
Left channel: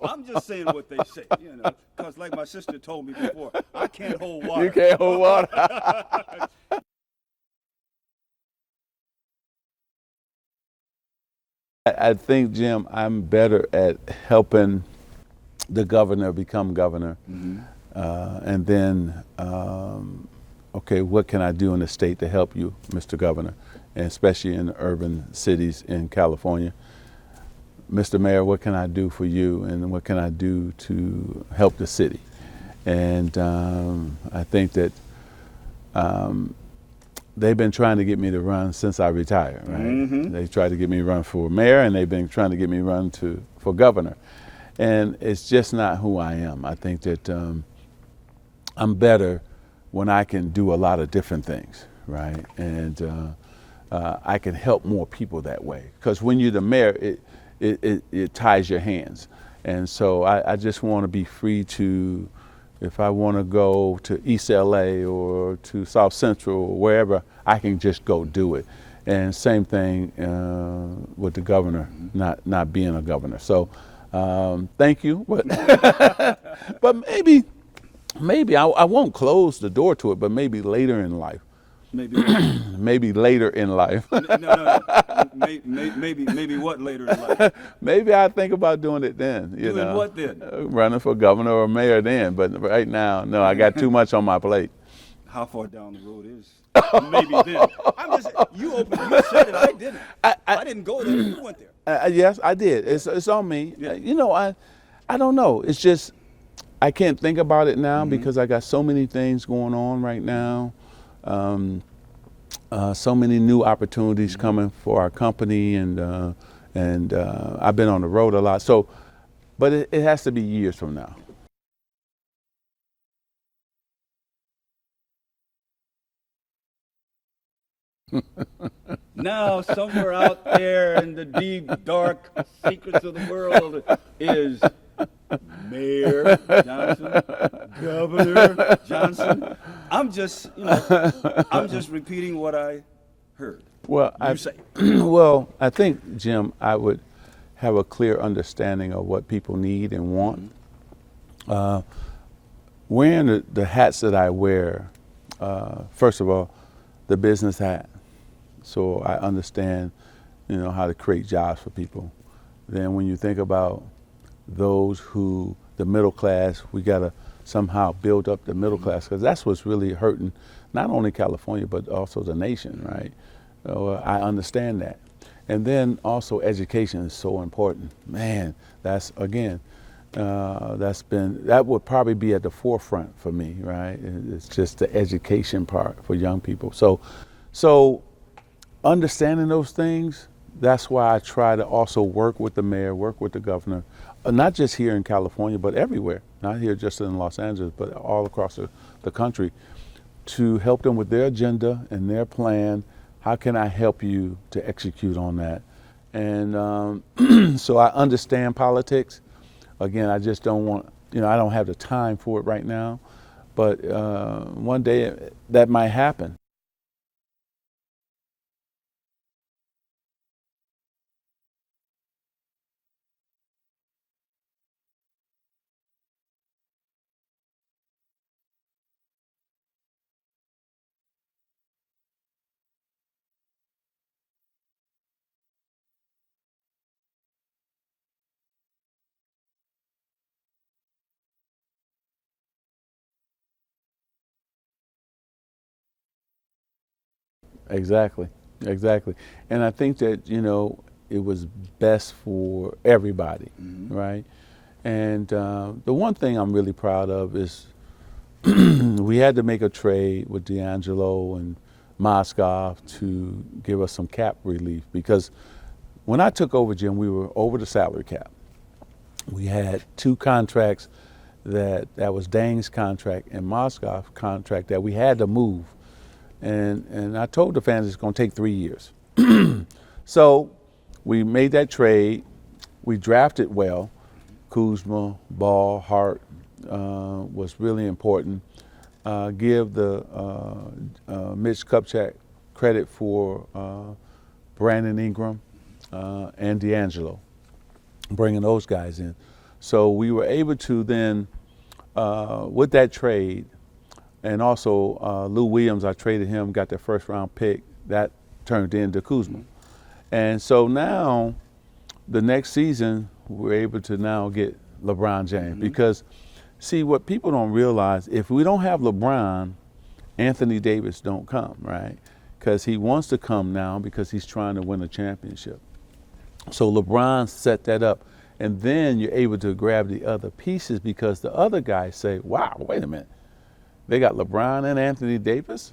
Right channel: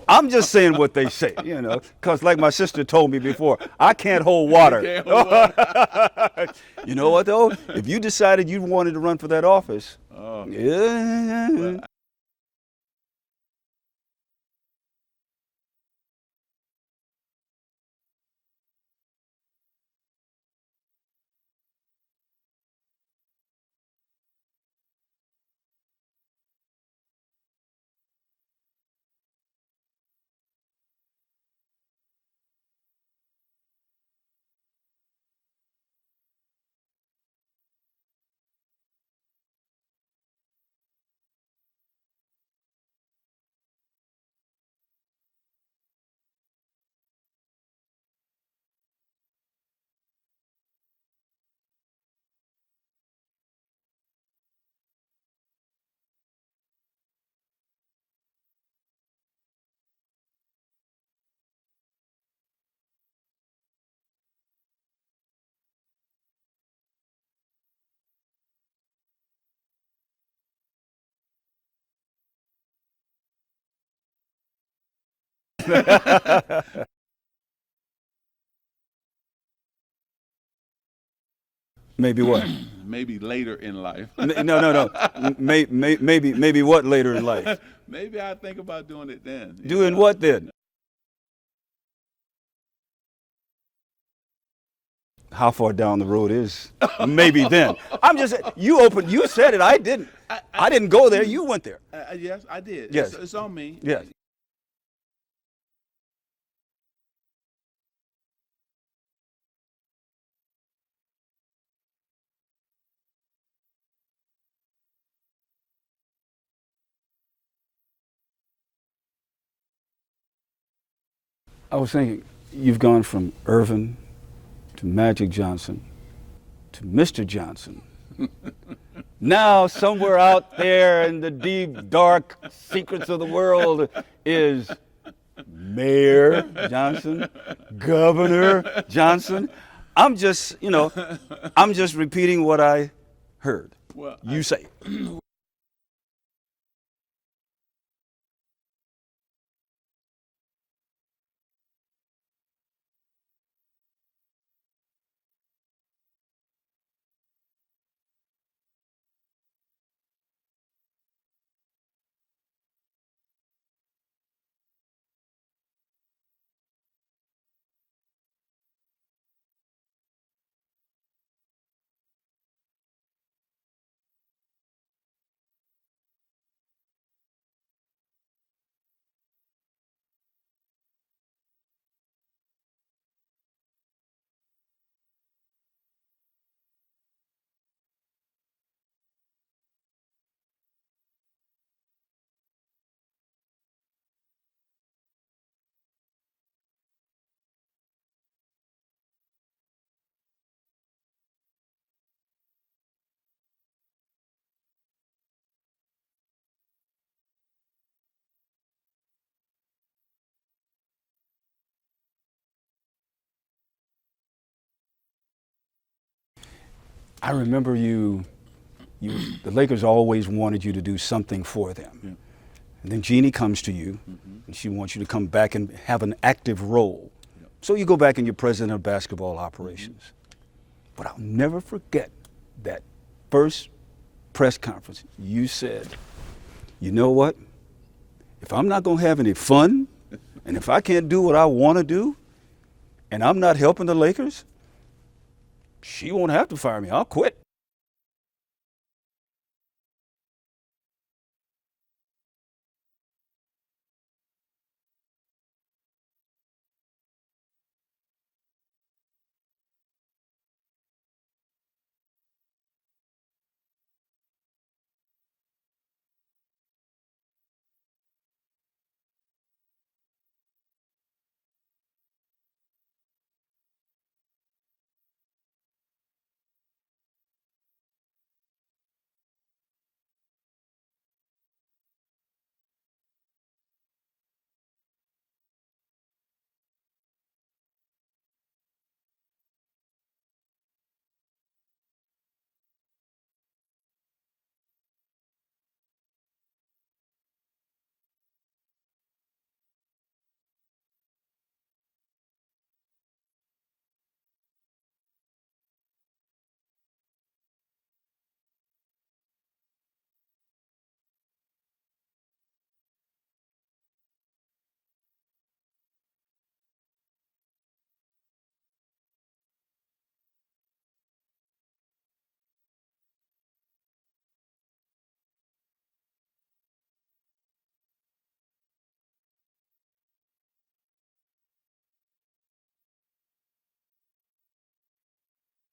I'm just saying what they say, you know, because like my sister told me before, I can't hold water. You know what, though? If you decided you wanted to run for that office, I think, Jim, I'm better at helping the governor become governor. And then, okay, what can I do in the state to help you, Mr. Governor, and especially in urban cities in California? Mr. Mayor, what can I do for you, and what can I do to help the city? And I think that they've been trying to get me to run since I retired, right? They tried to get me to run for mayor, and they've been trying to get me to run for governor. And it's just not who I am. I think that I'm better when I can do a lot of different things, right? And I can help more people that way. Because when you're the mayor, it ties your hands. And so I just want to be free to, if I want to go to East LA or to South Central or wherever, I can just go do it. And same thing with the governor, not being a governor. So thank you. But maybe I won't close the door to it, but maybe later in life. Maybe what? Maybe later in life. No. Maybe what later in life? Maybe I think about doing it then. Doing what then? Running for governor or mayor then. But right now, no, I got too much on my plate. How far down the road is maybe then? I'm just, you said it, I didn't. I didn't go there, you went there. Yes, I did. It's on me. Yeah. You know, I don't know. It's just, I can't think about it now because I got so many things going on right now. So many new opportunities coming for our company, and I've been on the road a lot. So, but it has to be years from now. I was thinking, you've gone from Earvin to Magic Johnson to Mr. Johnson Now, somewhere out there in the deep, dark secrets of the world is Mayor Johnson, Governor Johnson. I'm just repeating what I heard. Well, You say. Well, I think, Jim, I would have a clear understanding of what people need and want. Wearing the hats that I wear, first of all, the business hat. So I understand, how to create jobs for people. Then when you think about those who, the middle class, we got to somehow build up the middle class, because that's what's really hurting not only California, but also the nation, right? So I understand that. And then also education is so important. Man, that's, again, that would probably be at the forefront for me, right? It's just the education part for young people. So understanding those things, that's why I try to also work with the mayor, work with the governor, not just here in California, but everywhere, not here just in Los Angeles, but all across the country, to help them with their agenda and their plan. How can I help you to execute on that? And so I understand politics. Again, I just don't want, I don't have the time for it right now, but one day that might happen. I remember the Lakers always wanted you to do something for them. Yeah. And then Jeannie comes to you, and she wants you to come back and have an active role. Yeah. So you go back and you're president of basketball operations. But I'll never forget that first press conference. You said, you know what? If I'm not going to have any fun, and if I can't do what I want to do, and I'm not helping the Lakers, she won't have to fire me. I'll quit. Exactly. And I think that, it was best for everybody, right? And the one thing I'm really proud of is we had to make a trade with D'Angelo and Mozgov to give us some cap relief, because when I took over, Jim, we were over the salary cap. We had two contracts that was Dang's contract and Mozgov's contract that we had to move. And I told the fans it's going to take 3 years. So we made that trade. We drafted well. Kuzma, Ball, Hart was really important. Give the Mitch Kupchak credit for Brandon Ingram and D'Angelo, bringing those guys in. So we were able to then, with that trade, and also Lou Williams, I traded him, got their first round pick, that turned into Kuzma. And so now, the next season, we're able to now get LeBron James. Because, see, what people don't realize, if we don't have LeBron, Anthony Davis don't come, right? Because he wants to come now because he's trying to win a championship. So LeBron set that up. And then you're able to grab the other pieces, because the other guys say, wow, wait a minute. They got LeBron and Anthony Davis.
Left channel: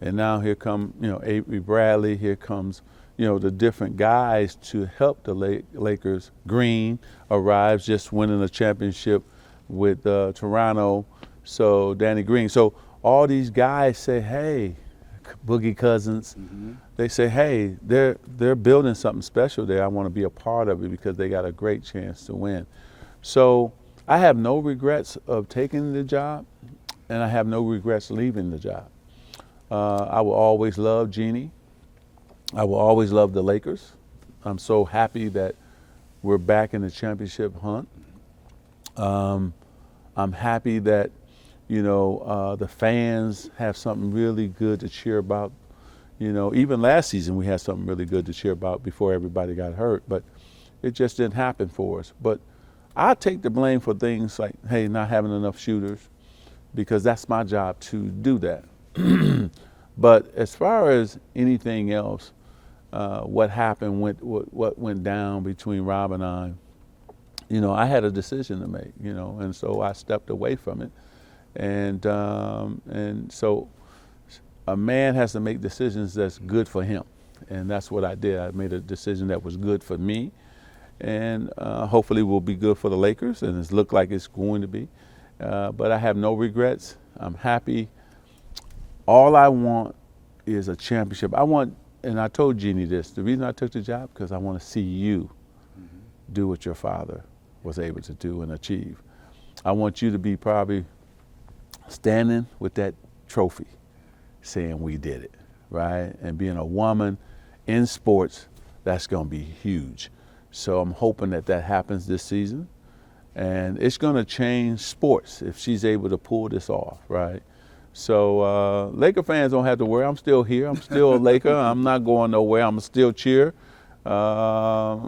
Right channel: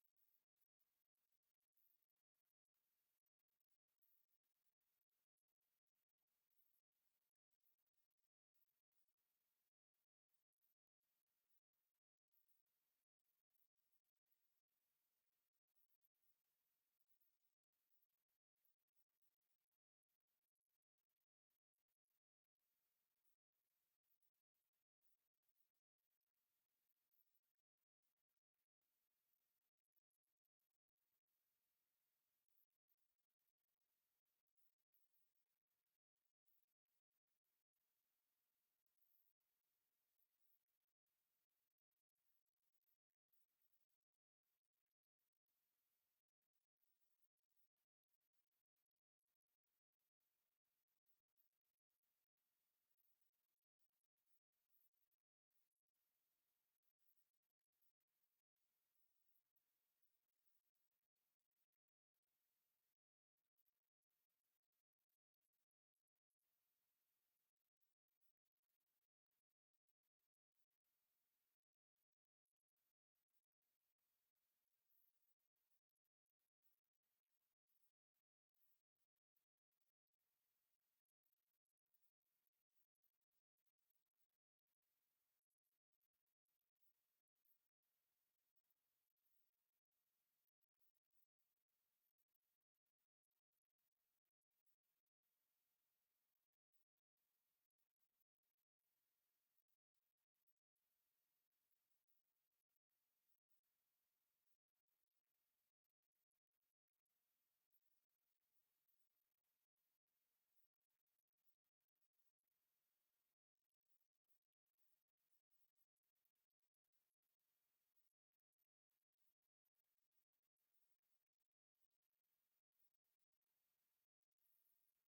And now here come, Avery Bradley, here comes, the different guys to help the Lakers. Green arrives, just winning a championship with Toronto, so Danny Green. So all these guys say, hey, Boogie Cousins, they say, hey, they're building something special there. I want to be a part of it because they got a great chance to win. So I have no regrets of taking the job, and I have no regrets leaving the job. I will always love Jeannie. I will always love the Lakers. I'm so happy that we're back in the championship hunt. I'm happy that, the fans have something really good to cheer about. Even last season we had something really good to cheer about before everybody got hurt, but it just didn't happen for us. But I take the blame for things like, hey, not having enough shooters, because that's my job to do that. But as far as anything else, what happened, what went down between Rob and I had a decision to make, and so I stepped away from it. And so a man has to make decisions that's good for him. And that's what I did. I made a decision that was good for me, and hopefully will be good for the Lakers, and it's looked like it's going to be. But I have no regrets. I'm happy. All I want is a championship. I want, and I told Jeannie this, the reason I took the job, because I want to see you do what your father was able to do and achieve. I want you to be probably standing with that trophy saying we did it, right? And being a woman in sports, that's going to be huge. So I'm hoping that that happens this season. And it's going to change sports if she's able to pull this off, right? So Laker fans don't have to worry. I'm still here. I'm still a Laker. I'm not going nowhere. I'm still cheer. I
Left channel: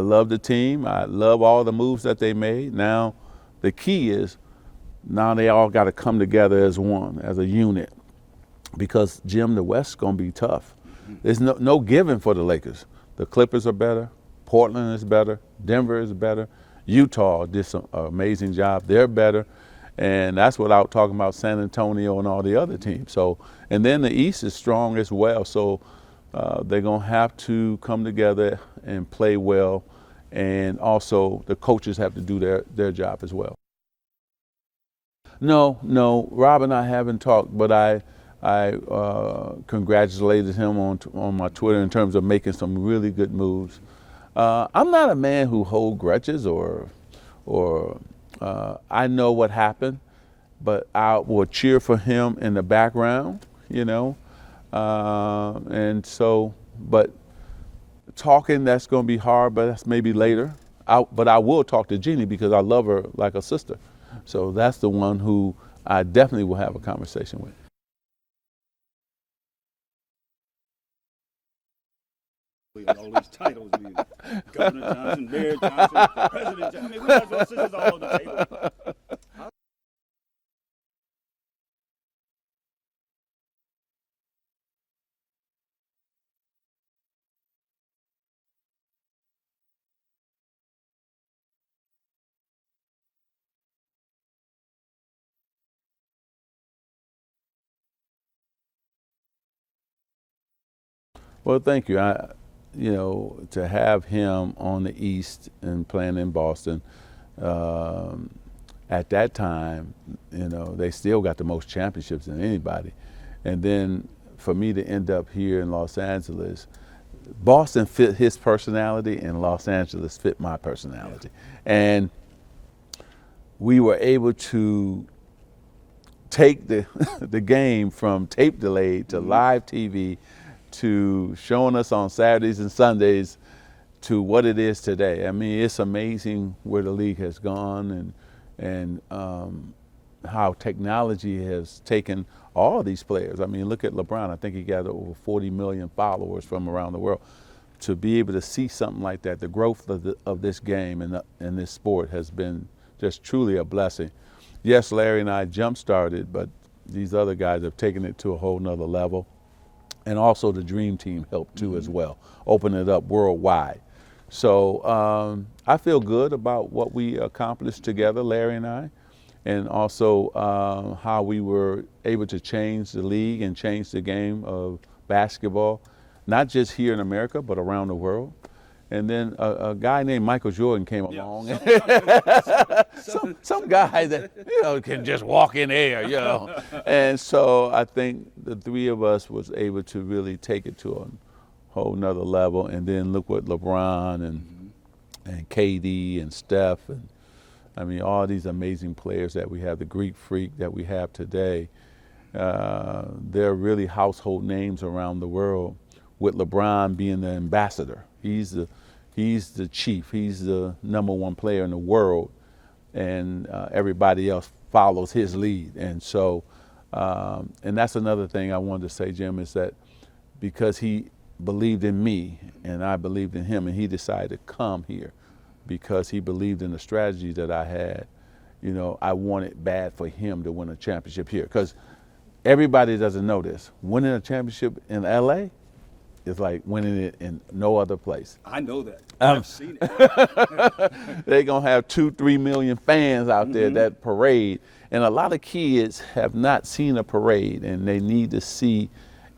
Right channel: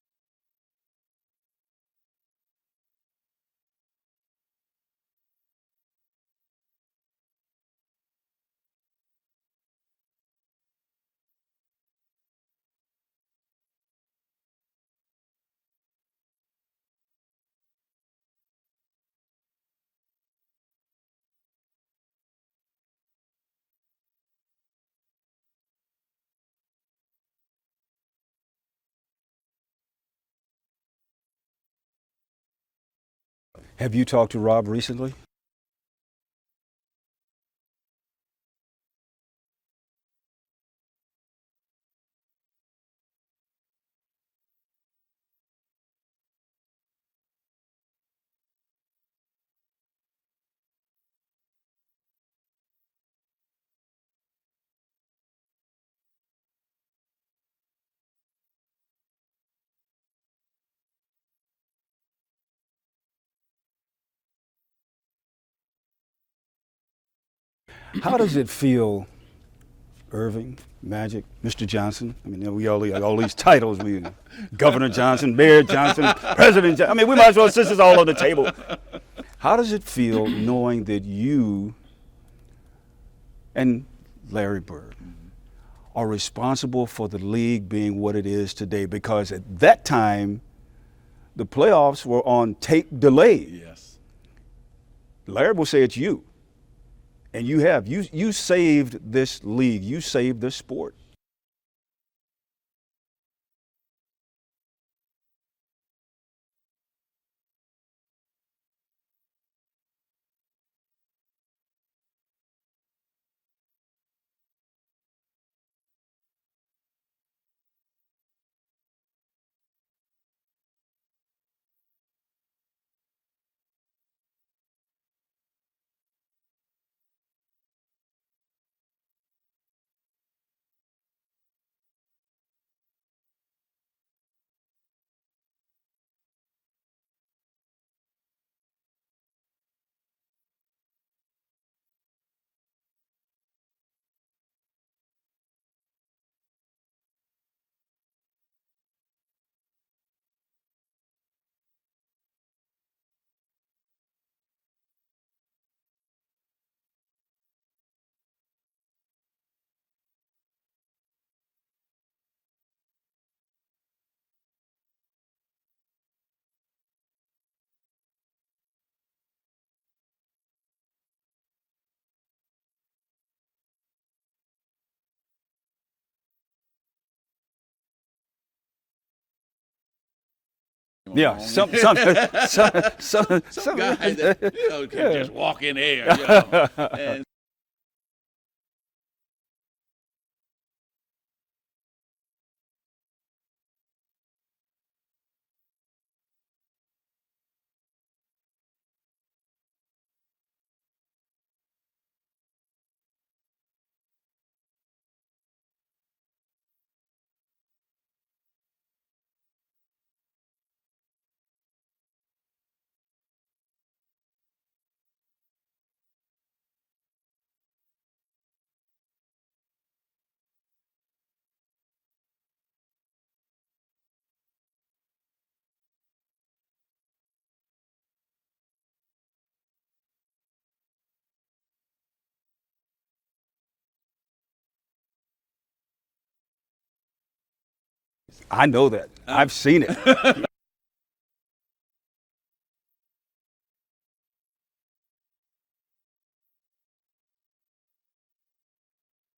love the team. I love all the moves that they made. Now, the key is now they all got to come together as one, as a unit, because, Jim, the West's going to be tough. There's no giving for the Lakers. The Clippers are better. Portland is better. Denver is better. Utah did some amazing job. They're better. And that's without talking about San Antonio and all the other teams. So, and then the East is strong as well. So they're going to have to come together and play well. And also the coaches have to do their job as well. Have you talked to Rob recently? No. Rob and I haven't talked, but I congratulated him on my Twitter in terms of making some really good moves. I'm not a man who holds grudges or I know what happened, but I will cheer for him in the background, you know. And so, but talking, that's going to be hard, but that's maybe later. But I will talk to Jeannie because I love her like a sister. So that's the one who I definitely will have a conversation with. How does it feel, Earvin, Magic, Mr. Johnson? I mean, we all these titles. I mean, Governor Johnson, Mayor Johnson, President Johnson. I mean, we might as well sit this all on the table. How does it feel knowing that you and Larry Bird are responsible for the league being what it is today? Because at that time, the playoffs were on tape delay. Yes. Larry will say it's you. And you saved this league. You saved this sport. Well, thank you. To have him on the East and playing in Boston, at that time, they still got the most championships than anybody. And then for me to end up here in Los Angeles, Boston fit his personality and Los Angeles fit my personality. And we were able to take the game from tape delayed to live TV to showing us on Saturdays and Sundays to what it is today. I mean, it's amazing where the league has gone and how technology has taken all these players. I mean, look at LeBron. I think he got over 40 million followers from around the world. To be able to see something like that, the growth of this game and this sport has been just truly a blessing. Yes, Larry and I jump-started, but these other guys have taken it to a whole nother level. And also the Dream Team helped too as well, open it up worldwide. So I feel good about what we accomplished together, Larry and I, and also how we were able to change the league and change the game of basketball, not just here in America, but around the world. And then a guy named Michael Jordan came along. Yeah, some guy that can just walk in air. And so I think the three of us was able to really take it to a whole nother level. And then look what LeBron and KD and Steph and I mean all these amazing players that we have, the Greek Freak that we have today. They're really household names around the world, with LeBron being the ambassador. He's the chief. He's the #1 player in the world, and everybody else follows his lead. And so, and that's another thing I wanted to say, Jim, is that because he believed in me and I believed in him, and he decided to come here because he believed in the strategy that I had. I wanted bad for him to win a championship here, because everybody doesn't know this. Winning a championship in LA is like winning it in no other place. I know that. I've seen it. They're going to have 2-3 million fans out there that parade. And a lot of kids have not seen a parade, and they need to see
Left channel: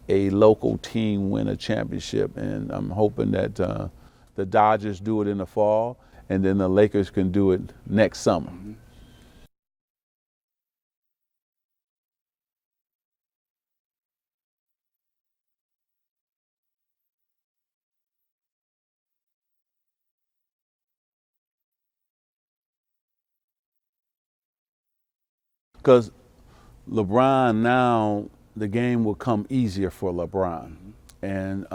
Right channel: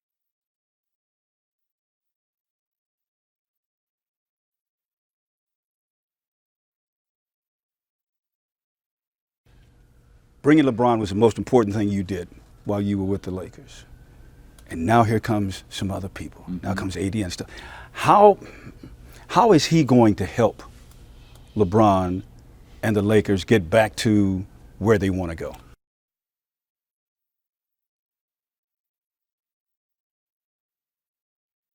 a local team win a championship. And I'm hoping that the Dodgers do it in the fall, and then the Lakers can do it next summer. Bringing LeBron was the most important thing you did while you were with the Lakers. and now here comes some other people. Now comes AD and stuff. How is he going to help LeBron and the Lakers get back to where they want to go? Because LeBron now, the game will come easier for LeBron, and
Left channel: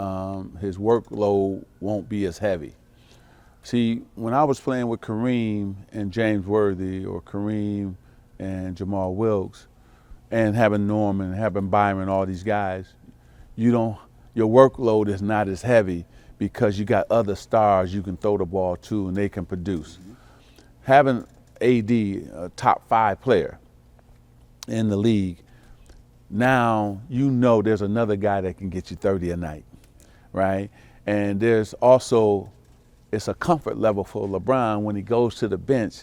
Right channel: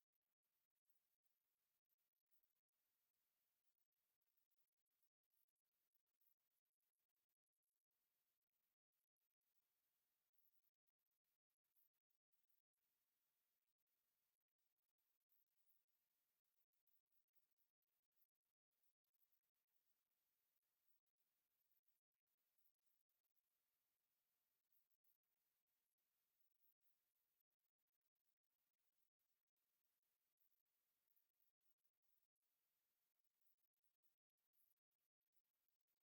his workload won't be as heavy. See, when I was playing with Kareem and James Worthy, or Kareem and Jamal Wilkes, and having Norman, having Byron, all these guys, your workload is not as heavy because you got other stars you can throw the ball to and they can produce. Having AD, a top 5 player in the league, now you know there's another guy that can get you 30 a night, right? And there's also, it's a comfort level for LeBron when he goes to the bench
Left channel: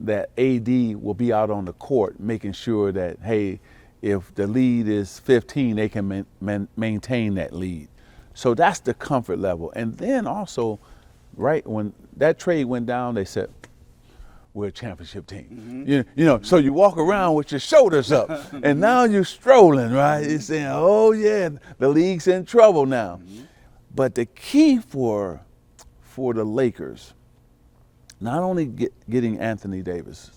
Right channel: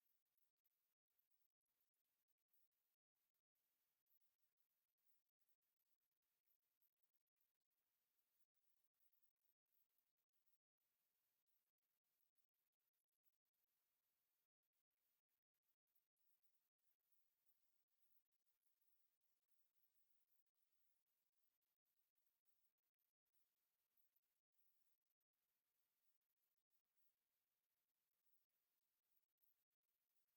that AD will be out on the court making sure that, hey, if the lead is 15, they can maintain that lead. So that's the comfort level. And then also, right, when that trade went down, they said, we're a championship team. You know, so you walk around with your shoulders up, and now you're strolling, right? You're saying, oh yeah, the league's in trouble now. But the key for the Lakers, not only getting Anthony Davis,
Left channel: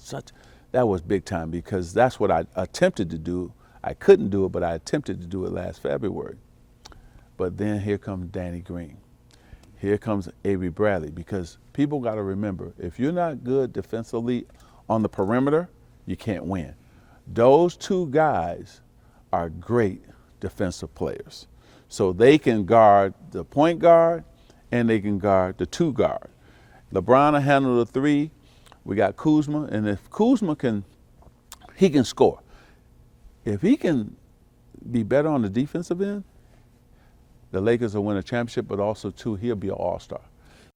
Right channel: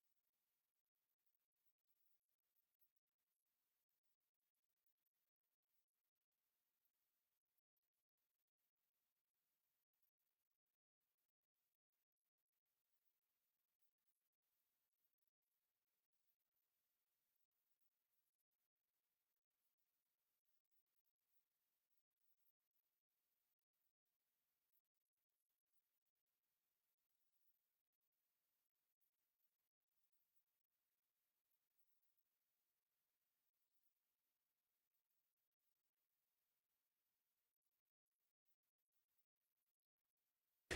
that was big time, because that's what I attempted to do. I couldn't do it, but I attempted to do it last February. But then here comes Danny Green. Here comes Avery Bradley, because people got to remember, if you're not good defensively on the perimeter, you can't win. Those two guys are great defensive players. So they can guard the point guard and they can guard the 2 guard. LeBron will handle the 3. We got Kuzma, and if Kuzma can score. If he can be better on the defensive end, the Lakers will win a championship, but also, too, he'll be an all-star.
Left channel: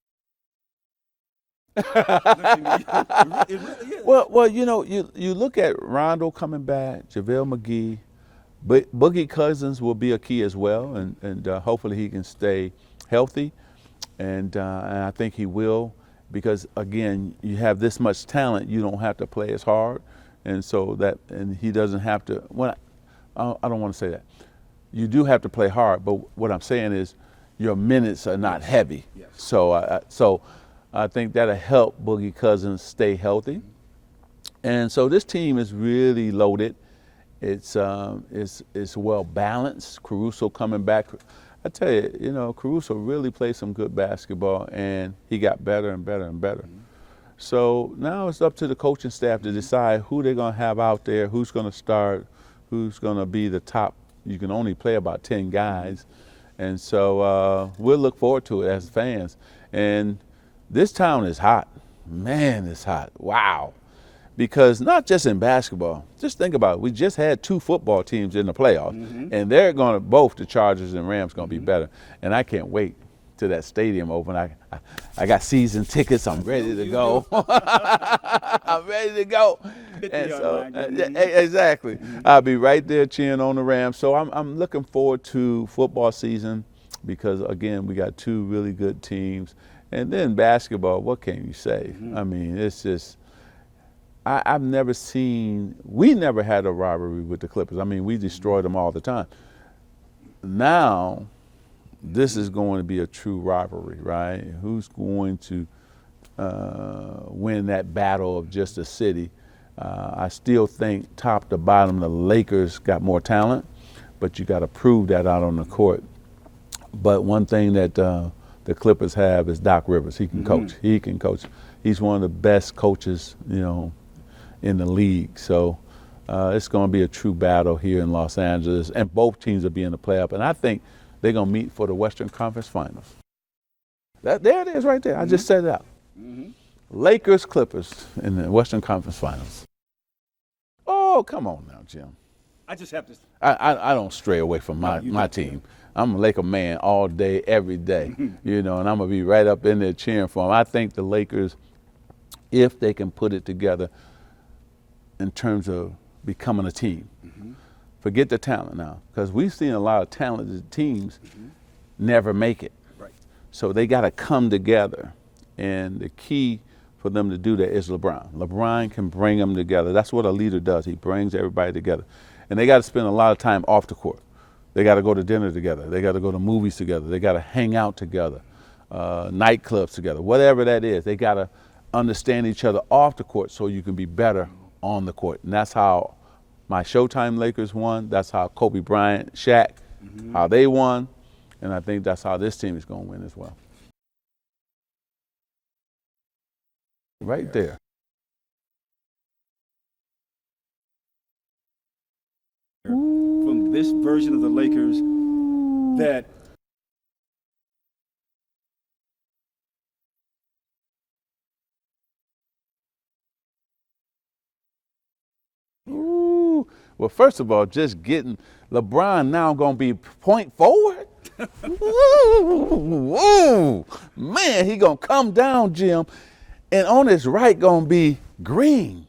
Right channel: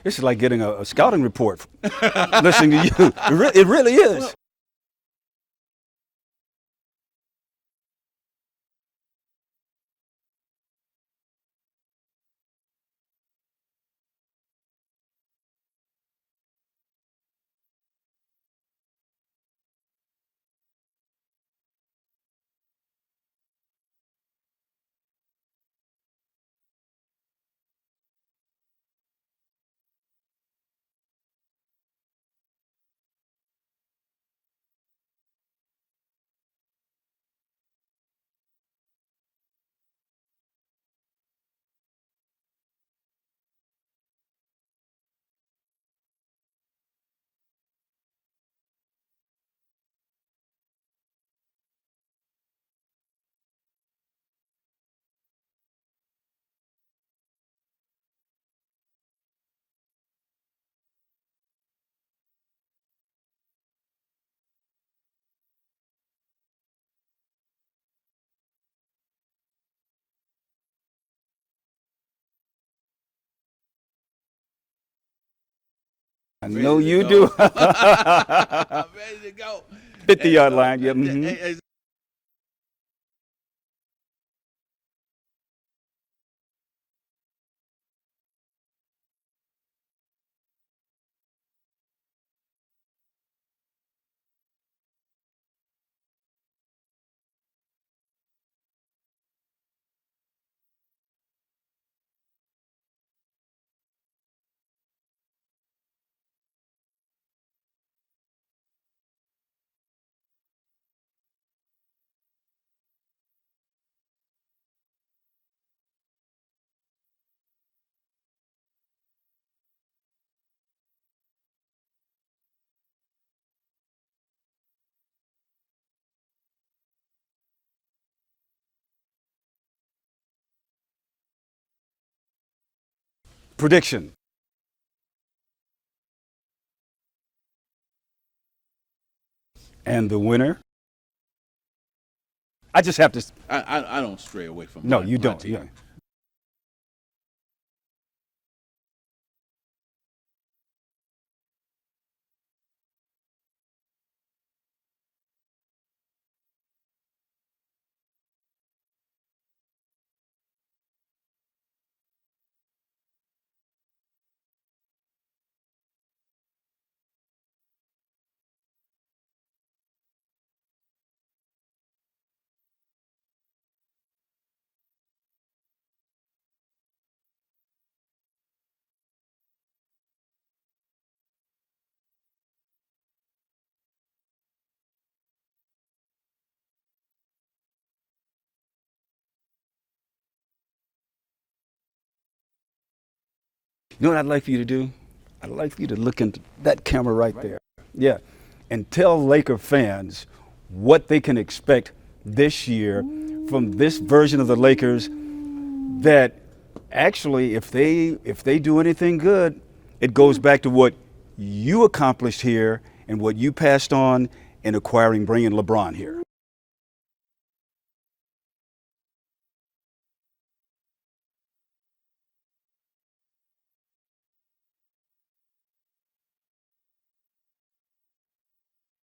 This is like getting a scouting report listening to you. It really is. Well, you know, you look at Rondo coming back, JaVale McGee, but Boogie Cousins will be a key as well, and hopefully he can stay healthy, and I think he will, because, again, you have this much talent, you don't have to play as hard, and so and he doesn't have to, I don't want to say that. You do have to play hard, but what I'm saying is your minutes are not heavy. Yes. So I think that'll help Boogie Cousins stay healthy. And so this team is really loaded. It's well balanced. Caruso coming back. I tell you, you know, Caruso really played some good basketball, and he got better and better and better. So now it's up to the coaching staff to decide who they're going to have out there, who's going to start, who's going to be the top. You can only play about 10 guys. And so we'll look forward to it as fans. And this town is hot. Man, it's hot. Wow. Because not just in basketball. Just think about it. We just had 2 football teams in the playoffs. And they're going to, both the Chargers and Rams, going to be better. And I can't wait till that stadium open. I got season tickets. I'm ready. I know you go. do. I'm ready to go. 50-yard line. Exactly. I'll be right there cheering on the Rams. So I'm looking forward to football season, because, again, we got 2 really good teams. And then basketball, what can you say? I mean, it's just, I've never seen, we never had a rivalry with the Clippers. I mean, we destroyed them all the time. Now, this is going to be a true rivalry, right? Who's going to win that battle of just a city? I still think top to bottom, the Lakers got more talent, but you got to prove that out on the court. But one thing that the Clippers have is Doc Rivers. He can coach. He can coach. He's one of the best coaches, you know, in the league. So it's going to be a true battle here in Los Angeles, and both teams will be in the playoff. And I think they're going to meet for the Western Conference Finals. Prediction. There it is right there. I just said it out. Lakers, Clippers in the Western Conference Finals. And the winner? Oh, come on now, Jim. I just have to. I don't stray away from my don't. team. Yeah. I'm a Laker man all day, every day, you know, and I'm going to be right up in there cheering for them. I think the Lakers, if they can put it together in terms of becoming a team, forget the talent now, because we've seen a lot of talented teams never make it. Right. So they got to come together, and the key for them to do that is LeBron. LeBron can bring them together. That's what a leader does. He brings everybody together. And they got to spend a lot of time off the court. They got to go to dinner together. They got to go to movies together. They got to hang out together, nightclubs together, whatever that is. They got to understand each other off the court so you can be better on the court. And that's how my Showtime Lakers won. That's how Kobe Bryant, Shaq, how they won. And I think that's how this team is going to win as well. You know what I'd like for you to do? I'd like for you to look into that camera right there. Yeah. And tell Laker fans what they can expect this year from this version of the Lakers, that actually if they do anything good, it goes back to what you accomplished here and what you passed on in bringing LeBron here. Ooh. Well, first of all, just getting LeBron now going to be point forward. Ooh, man, he going to come down, Jim, and on his right going to be Green,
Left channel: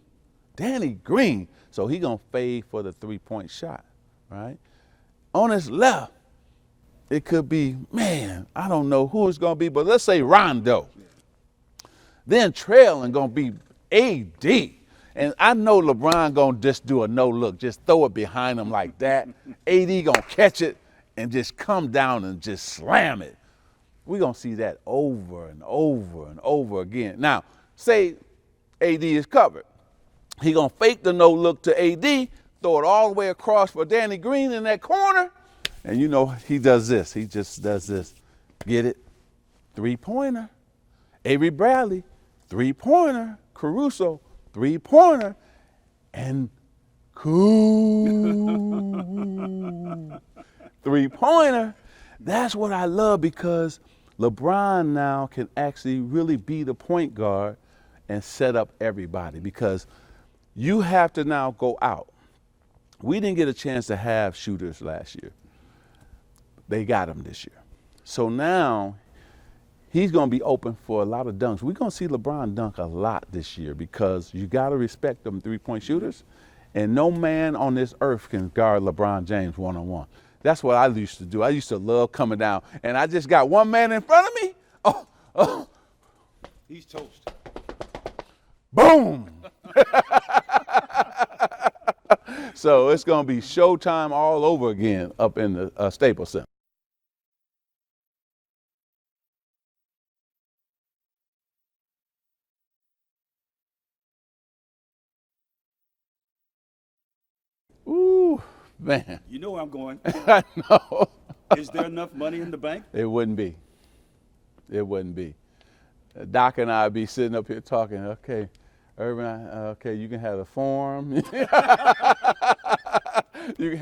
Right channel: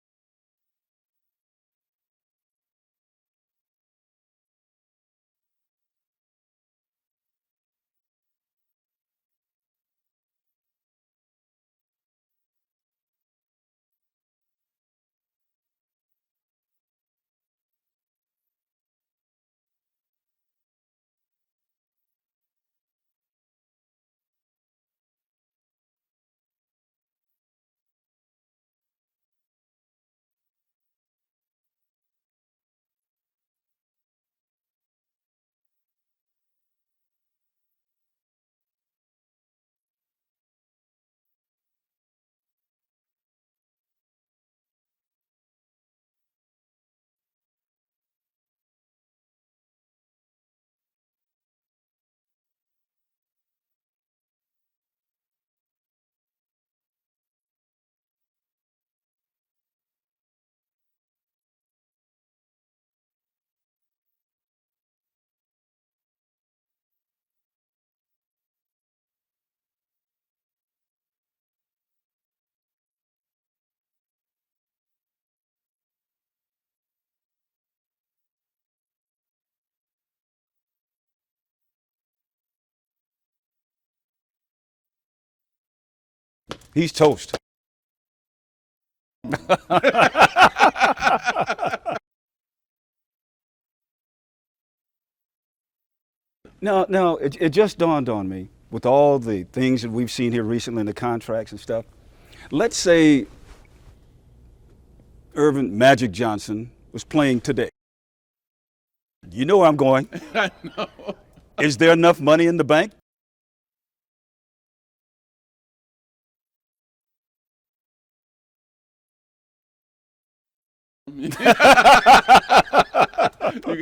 Danny Green. So he going to fade for the three-point shot, right? On his left, it could be, man, I don't know who it's going to be, but let's say Rondo. Then trailing going to be AD. And I know LeBron going to just do a no-look, just throw it behind him like that. AD going to catch it and just come down and just slam it. We're going to see that over and over and over again. Now, say AD is covered. He going to fake the no-look to AD, throw it all the way across for Danny Green in that corner. And you know, he does this. He just does this. Get it? Three-pointer. Avery Bradley, three-pointer. Caruso, three-pointer. And cool. Three-pointer. That's what I love, because LeBron now can actually really be the point guard and set up everybody, because you have to now go out. We didn't get a chance to have shooters last year. They got them this year. So now he's going to be open for a lot of dunks. We're going to see LeBron dunk a lot this year, because you got to respect them three-point shooters. And no man on this earth can guard LeBron James one-on-one. That's what I used to do. I used to love coming down, and I just got one man in front of me. Oh. He's toast. Boom. So it's going to be Showtime all over again up in the Staples Center. No, it just dawned on me, with all the things that we've seen here recently in the contracts and stuff. Let's say Earvin Magic Johnson was playing today. Ooh, man. You know where I'm going. I know. Is there enough money in the bank? It wouldn't be. It wouldn't be. Doc and I would be sitting up here talking, okay, Earvin, okay, you can have the farm. You can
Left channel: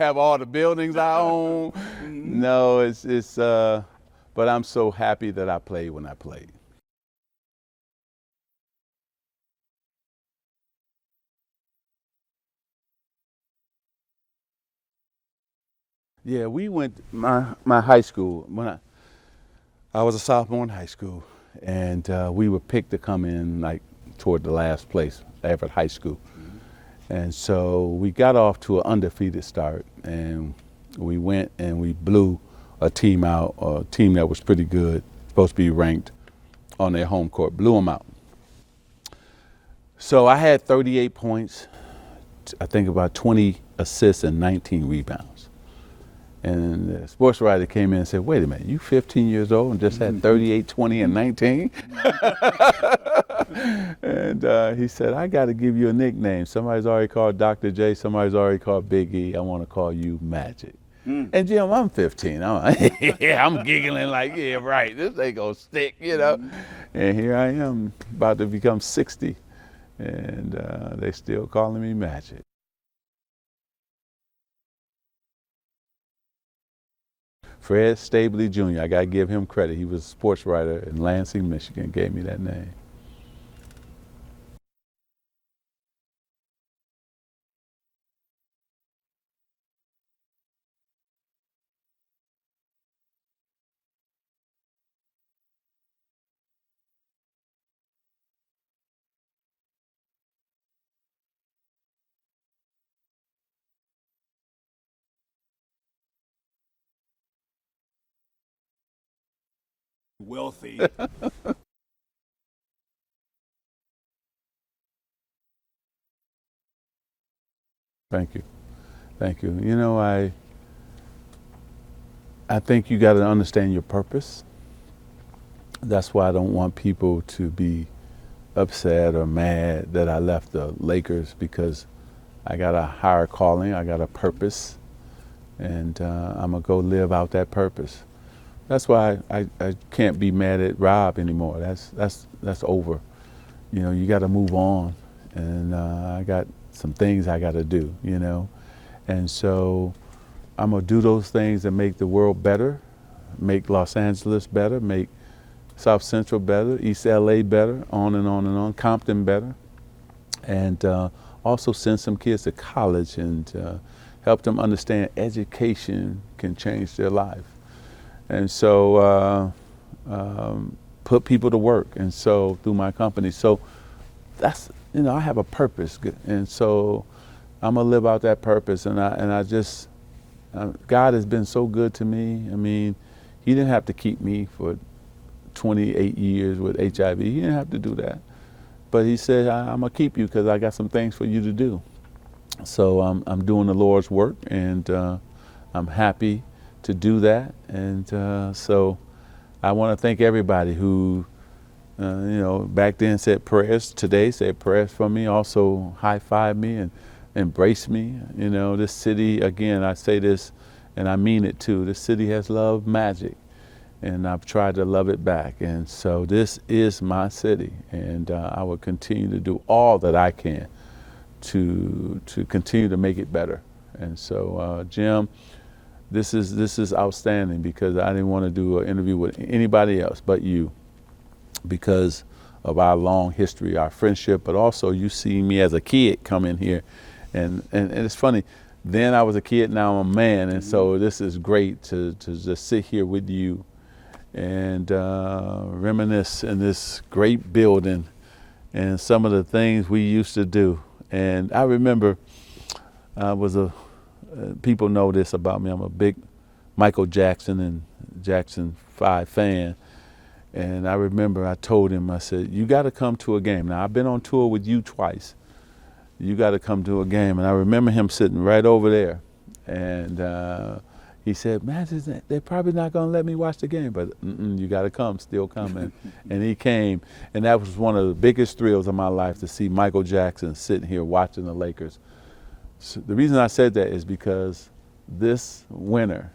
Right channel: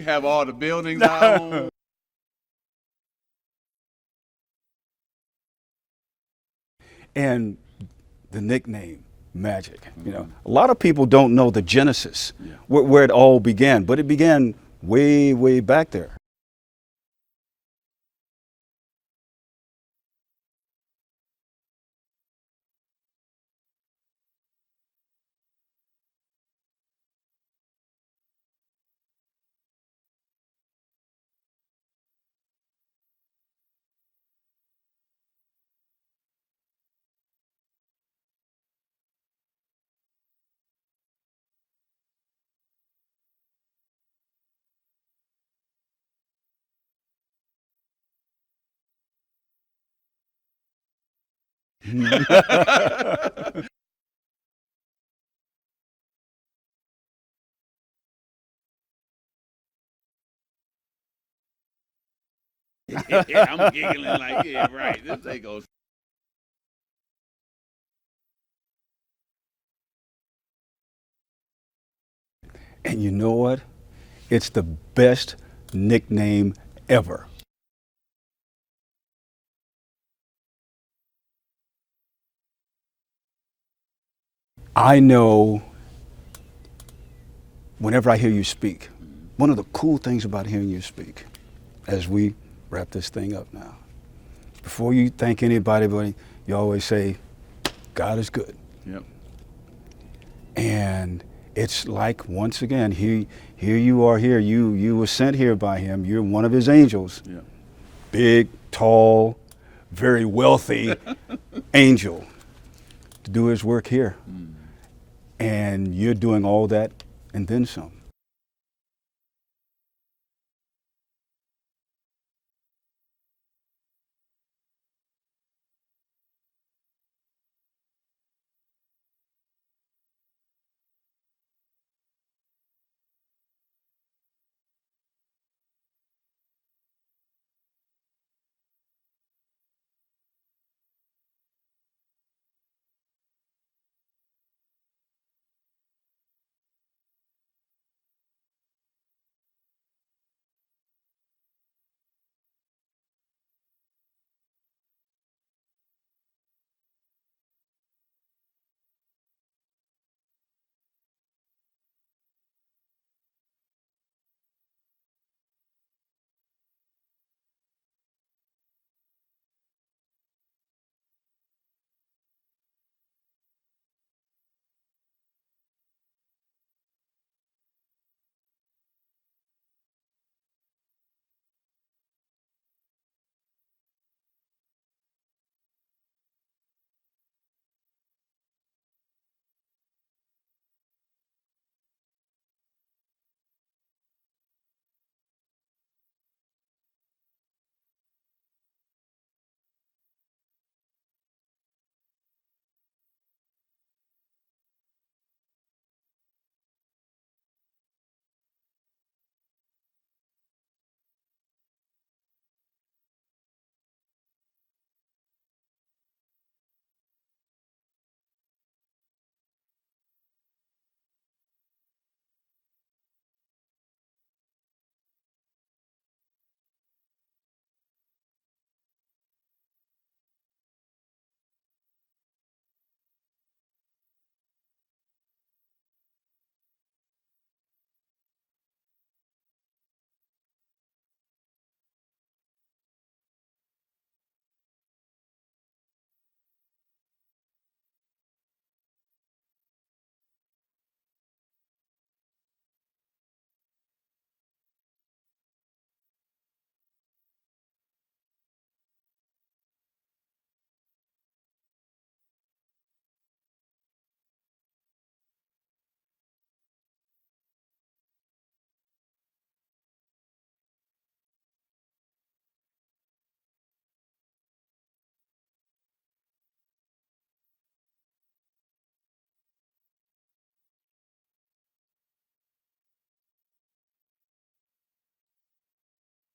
have all the buildings I own. No, but I'm so happy that I played when I played. And the nickname, Magic. You know, a lot of people don't know the genesis, where it all began, but it began way, way back there. Yeah, we went, my high school, when I was a sophomore in high school, and we were picked to come in like toward the last place, Everett High School. And so we got off to an undefeated start, and we went and we blew a team out, a team that was pretty good, supposed to be ranked on their home court, blew them out. So I had 38 points, I think about 20 assists and 19 rebounds. And the sports writer came in and said, wait a minute, you 15 years old and just had 38, 20, and 19? And he said, I got to give you a nickname. Somebody's already called Dr. J, somebody's already called Big E. I want to call you Magic. And Jim, I'm 15. I'm giggling like, yeah, right. This ain't going to stick, you know. And here I am, about to become 60. And they still calling me Magic. And you know what? It's the best nickname ever. Fred Stabley Jr., I got to give him credit. He was a sports writer in Lansing, Michigan, gave me that name. I know whenever I hear you speak, one of the cool things about hearing you speak, as we wrap this thing up now, before you thank anybody, you always say, God is good. Yep. And it's like, once again, here you are here. You were sent here by him. You're one of his angels. Yeah. Big, tall, very wealthy angel to do his work here. And you're doing all that and then some. Thank you. Thank you. You know, I think you got to understand your purpose. That's why I don't want people to be upset or mad that I left the Lakers, because I got a higher calling, I got a purpose, and I'm gonna go live out that purpose. That's why I can't be mad at Rob anymore. That's over. You know, you got to move on, and I got some things I got to do. You know, and so I'm gonna do those things that make the world better, make Los Angeles better, make South Central better, East LA better, on and on and on, Compton better, and also send some kids to college and help them understand education can change their life. And so put people to work, and so through my company. So that's, you know, I have a purpose, and so I'm gonna live out that purpose. And I just, God has been so good to me. I mean, He didn't have to keep me for 28 years with HIV. He didn't have to do that. But He said, I'm gonna keep you because I got some things for you to do. So I'm doing the Lord's work, and I'm happy to do that. And so I want to thank everybody who, you know, back then said prayers, today said prayers for me, also high-fived me and embraced me. You know, this city, again, I say this and I mean it too, this city has loved magic, and I've tried to love it back. And so this is my city, and I will continue to do all that I can to continue to make it better. And so, Jim, this is outstanding, because I didn't want to do an interview with anybody else but you, because of our long history, our friendship, but also you see me as a kid come in here, and it's funny, then I was a kid, now I'm a man, and so this is great to just sit here with you and reminisce in this great building and some of the things we used to do. And I remember I was people know this about me, I'm a big Michael Jackson and Jackson 5 fan. And I remember I told him, I said, you got to come to a game. Now, I've been on tour with you twice. You got to come to a game. And I remember him sitting right over there. And he said, man, they're probably not going to let me watch the game, but you got to come, still come. And he came. And that was one of the biggest thrills of my life, to see Michael Jackson sitting here watching the Lakers. So the reason I said that is because this winter,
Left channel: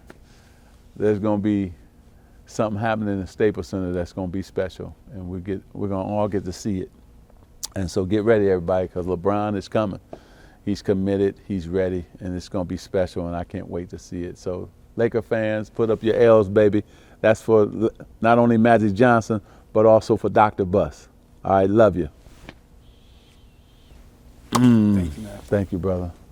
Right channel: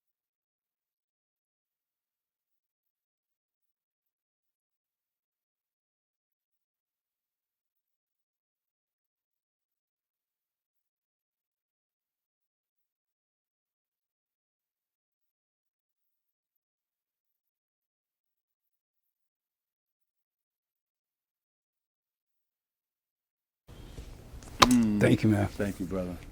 there's going to be something happening in the Staples Center that's going to be special, and we're going to all get to see it. And so get ready, everybody, because LeBron is coming. He's committed, he's ready, and it's going to be special, and I can't wait to see it. So Laker fans, put up your L's, baby. That's for not only Magic Johnson, but also for Dr. Buss. All right, love you. Thank you, man. Thank you, brother.